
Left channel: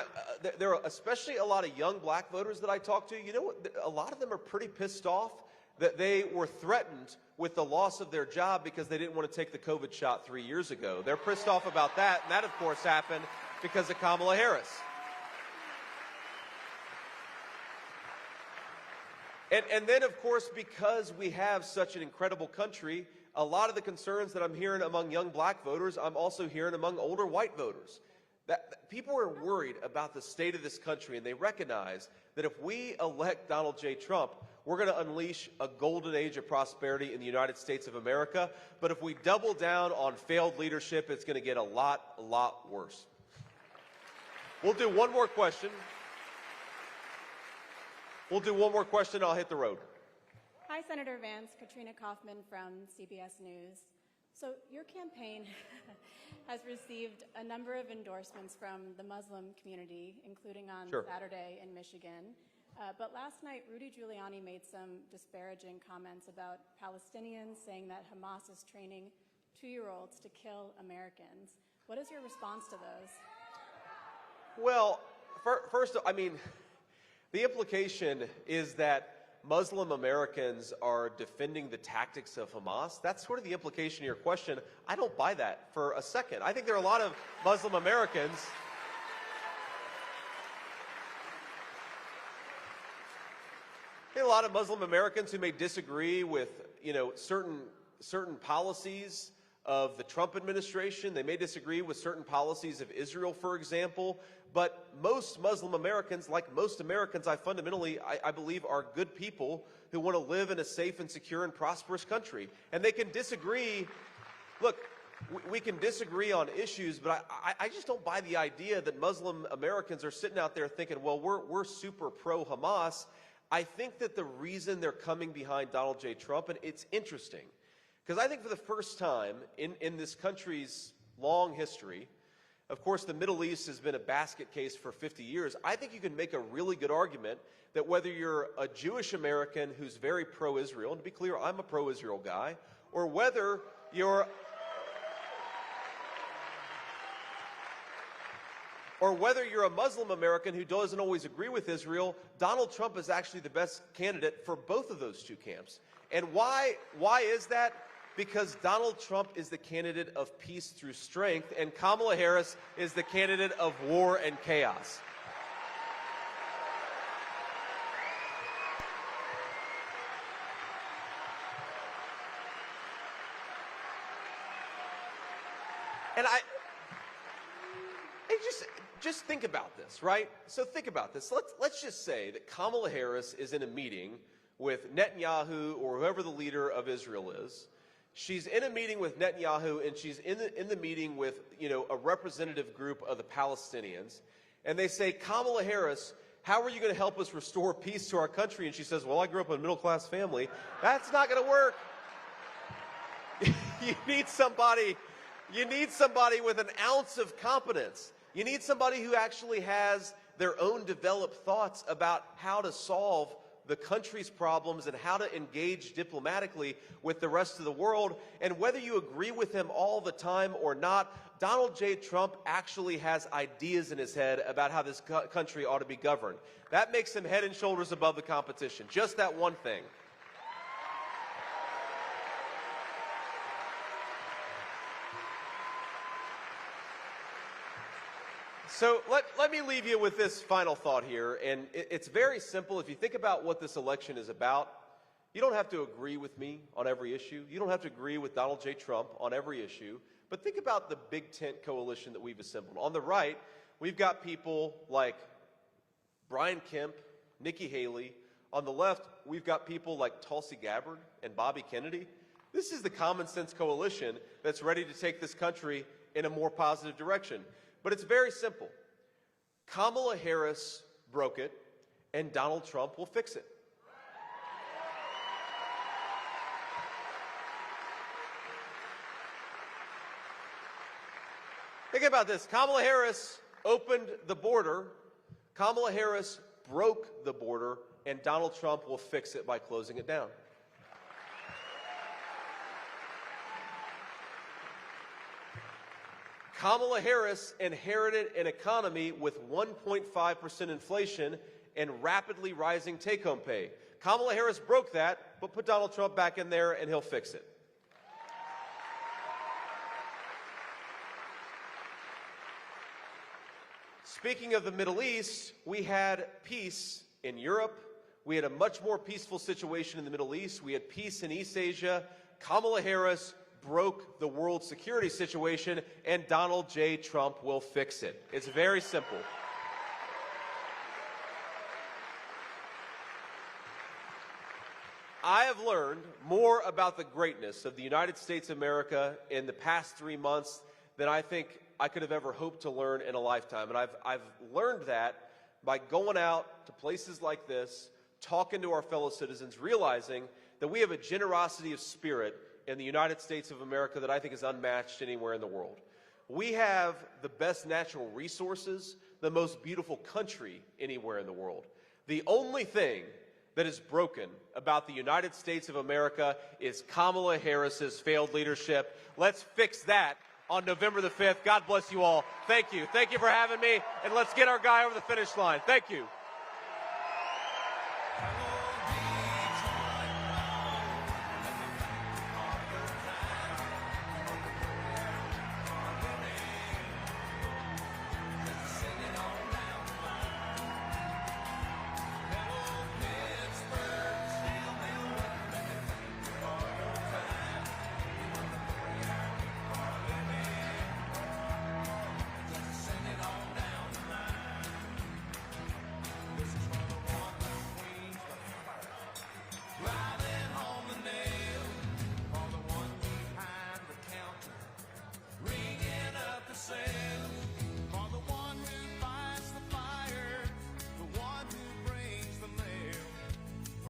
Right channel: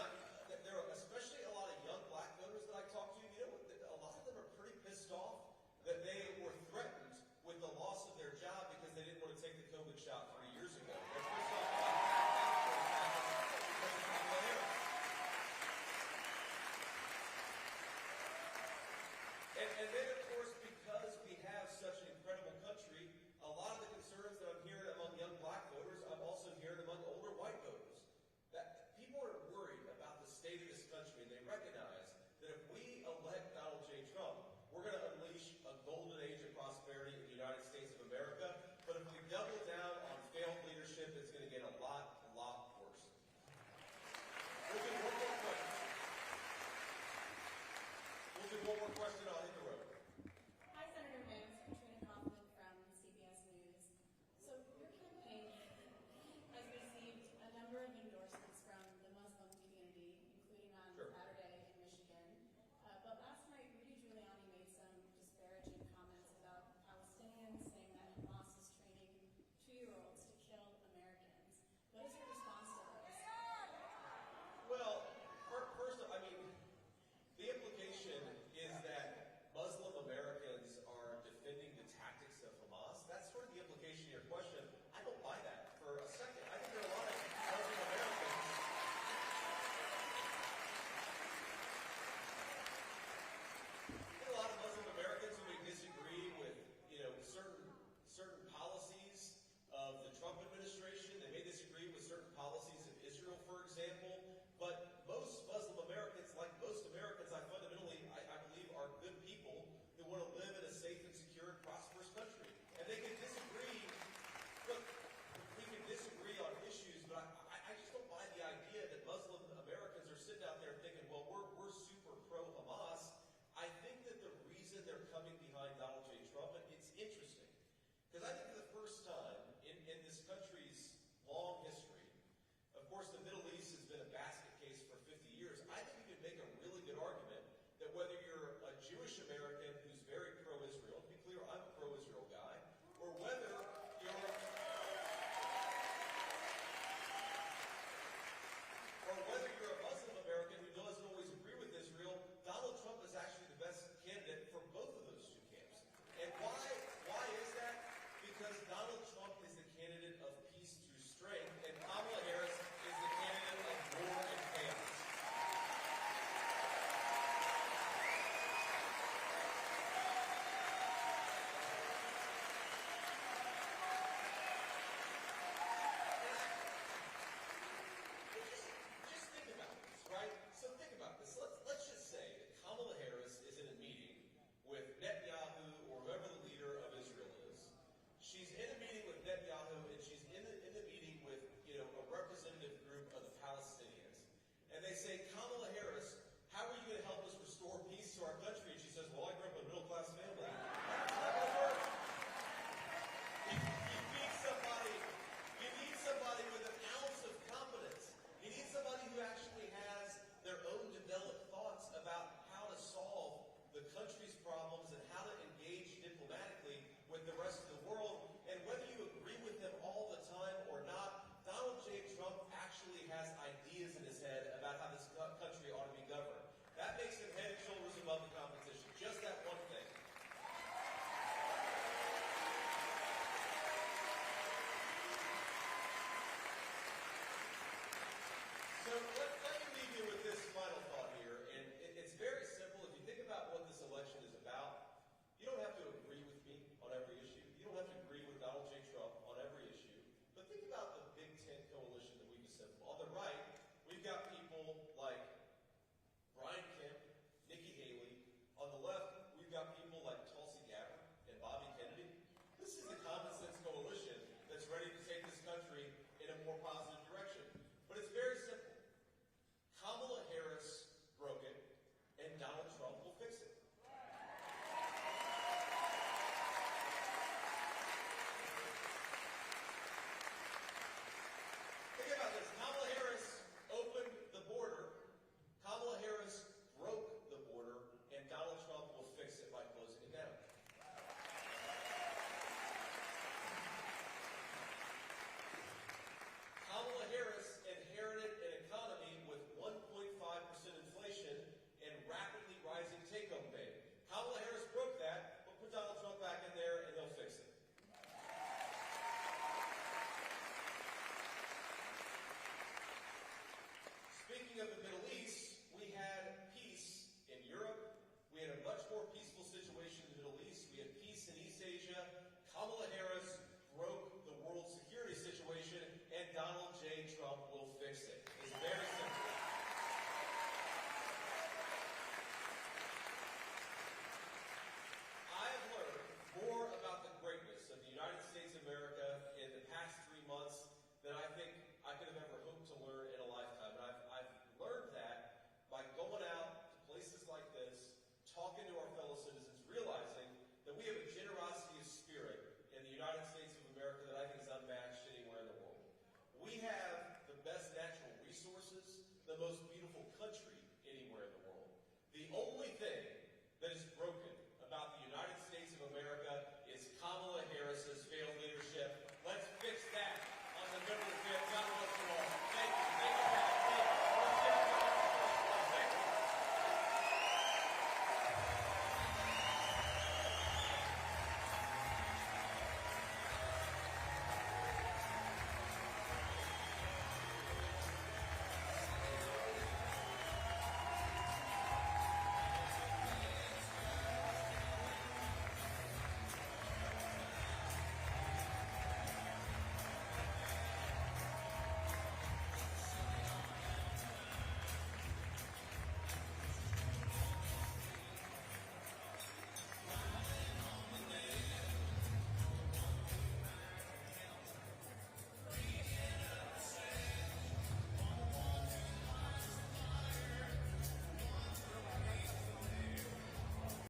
there are especially a lot of young black voters that I talk to, you know what, a lot of them are pretty pissed off that they were threatened with the loss of their job because they didn't want to take the COVID shot 3 years ago. They're pissed off about that, and that, of course, happened because of Kamala Harris. And then, of course, because we have such an incredible country, a lot of the concerns that I'm hearing among young black voters, I'm also hearing among older white voters. That people are worried about the state of this country, and they recognize that if we elect Donald J. Trump, we're going to unleash a golden age of prosperity in the United States of America. But if we double down on failed leadership, it's going to get a lot worse. We'll do one more question. I'll hit the road. Hi, Senator Vance. Katrina Kaufman from CBS News. So your campaign has received a number of endorsements from the Muslim community, including on Saturday in Michigan. But last night, Rudy Giuliani made some disparaging comments about Palestinians, saying that Hamas is training 2-year-olds to kill Americans. What is your response to those? Well, first, I mean, the implication is that Muslim Americans are defending the tactics of Hamas. That's sort of the implication of your question. I don't buy that for a second. I think there are a lot of Muslim Americans who may disagree with certain policies of the Trump administration. They may disagree with certain policies of Israel, for example. But most Muslim Americans, like most Americans, I believe, are good people who want to live in a safe and secure and prosperous country. And they can disagree. Look, we can disagree on issues, but I just don't buy the idea that Muslim Americans are sitting out there thinking, well, we're super pro-Hamas. I think that the reason they're coming behind Donald J. Trump, and it's interesting, because I think for the first time in this country's long history, of course, the Middle East has been a basket case for 50 years. I think you can make a really good argument that whether you're a Jewish American who's very pro-Israel, and to be clear, I'm a pro-Israel guy, or whether you're a Muslim American who doesn't always agree with Israel, Donald Trump is actually the best candidate for both of those two camps. And why is that? Because Donald Trump is the candidate of peace through strength, and Kamala Harris is the candidate of war and chaos. And just think about this, right? So think about this. Let's just say that Kamala Harris is in a meeting with Netanyahu or whoever the leader of Israel is. She's in a meeting with Netanyahu, and she's in the meeting with, a representative group of the Palestinians. And they say, Kamala Harris, how are you going to help us restore peace to our country? And she says, well, I grew up in a middle-class family. That's not going to work. You need somebody with an ounce of competence. You need somebody who actually has their own developed thoughts about how to solve the country's problems and how to engage diplomatically with the rest of the world. And whether you agree with him all the time or not, Donald J. Trump actually has ideas in his head about how this country ought to be governed. That makes him head and shoulders above the competition. Just that one thing. So let me leave you with this final thought here, and it's very simple. If you think about what this election is about, you don't have to agree with me on every issue. You don't have to agree with Donald J. Trump on every issue, but think about the big tent coalition that we've assembled. On the right, we've got people like Brian Kemp, Nikki Haley. On the left, we've got people like Tulsi Gabbard and Bobby Kennedy. This is the common sense coalition that's ready to take this country in a more positive direction. But it's very simple. Kamala Harris broke it, and Donald Trump will fix it. Think about this. Kamala Harris opened the border. Kamala Harris broke the border, and Donald Trump will fix it by closing it down. Kamala Harris inherited an economy with 1.5% inflation and rapidly rising take-home pay. Kamala Harris broke that, but put Donald Trump back in there and he'll fix it. Speaking of the Middle East, we had peace in Europe. We had a much more peaceful situation in the Middle East. We had peace in East Asia. Kamala Harris broke the world security situation, and Donald J. Trump will fix it. It's very simple. I have learned more about the greatness of the United States of America in the past 3 months than I think I could have ever hoped to learn in a lifetime. And I've learned that by going out to places like this, talking to our fellow citizens, realizing that we have a generosity of spirit in the United States of America that I think is unmatched anywhere in the world. We have the best natural resources, the most beautiful country anywhere in the world. The only thing that is broken about the United States of America is Kamala Harris's failed leadership. Let's fix that on November the 5th. God bless you all. Thank you. Thank you for having me, and let's get our guy on the finish line. Thank you.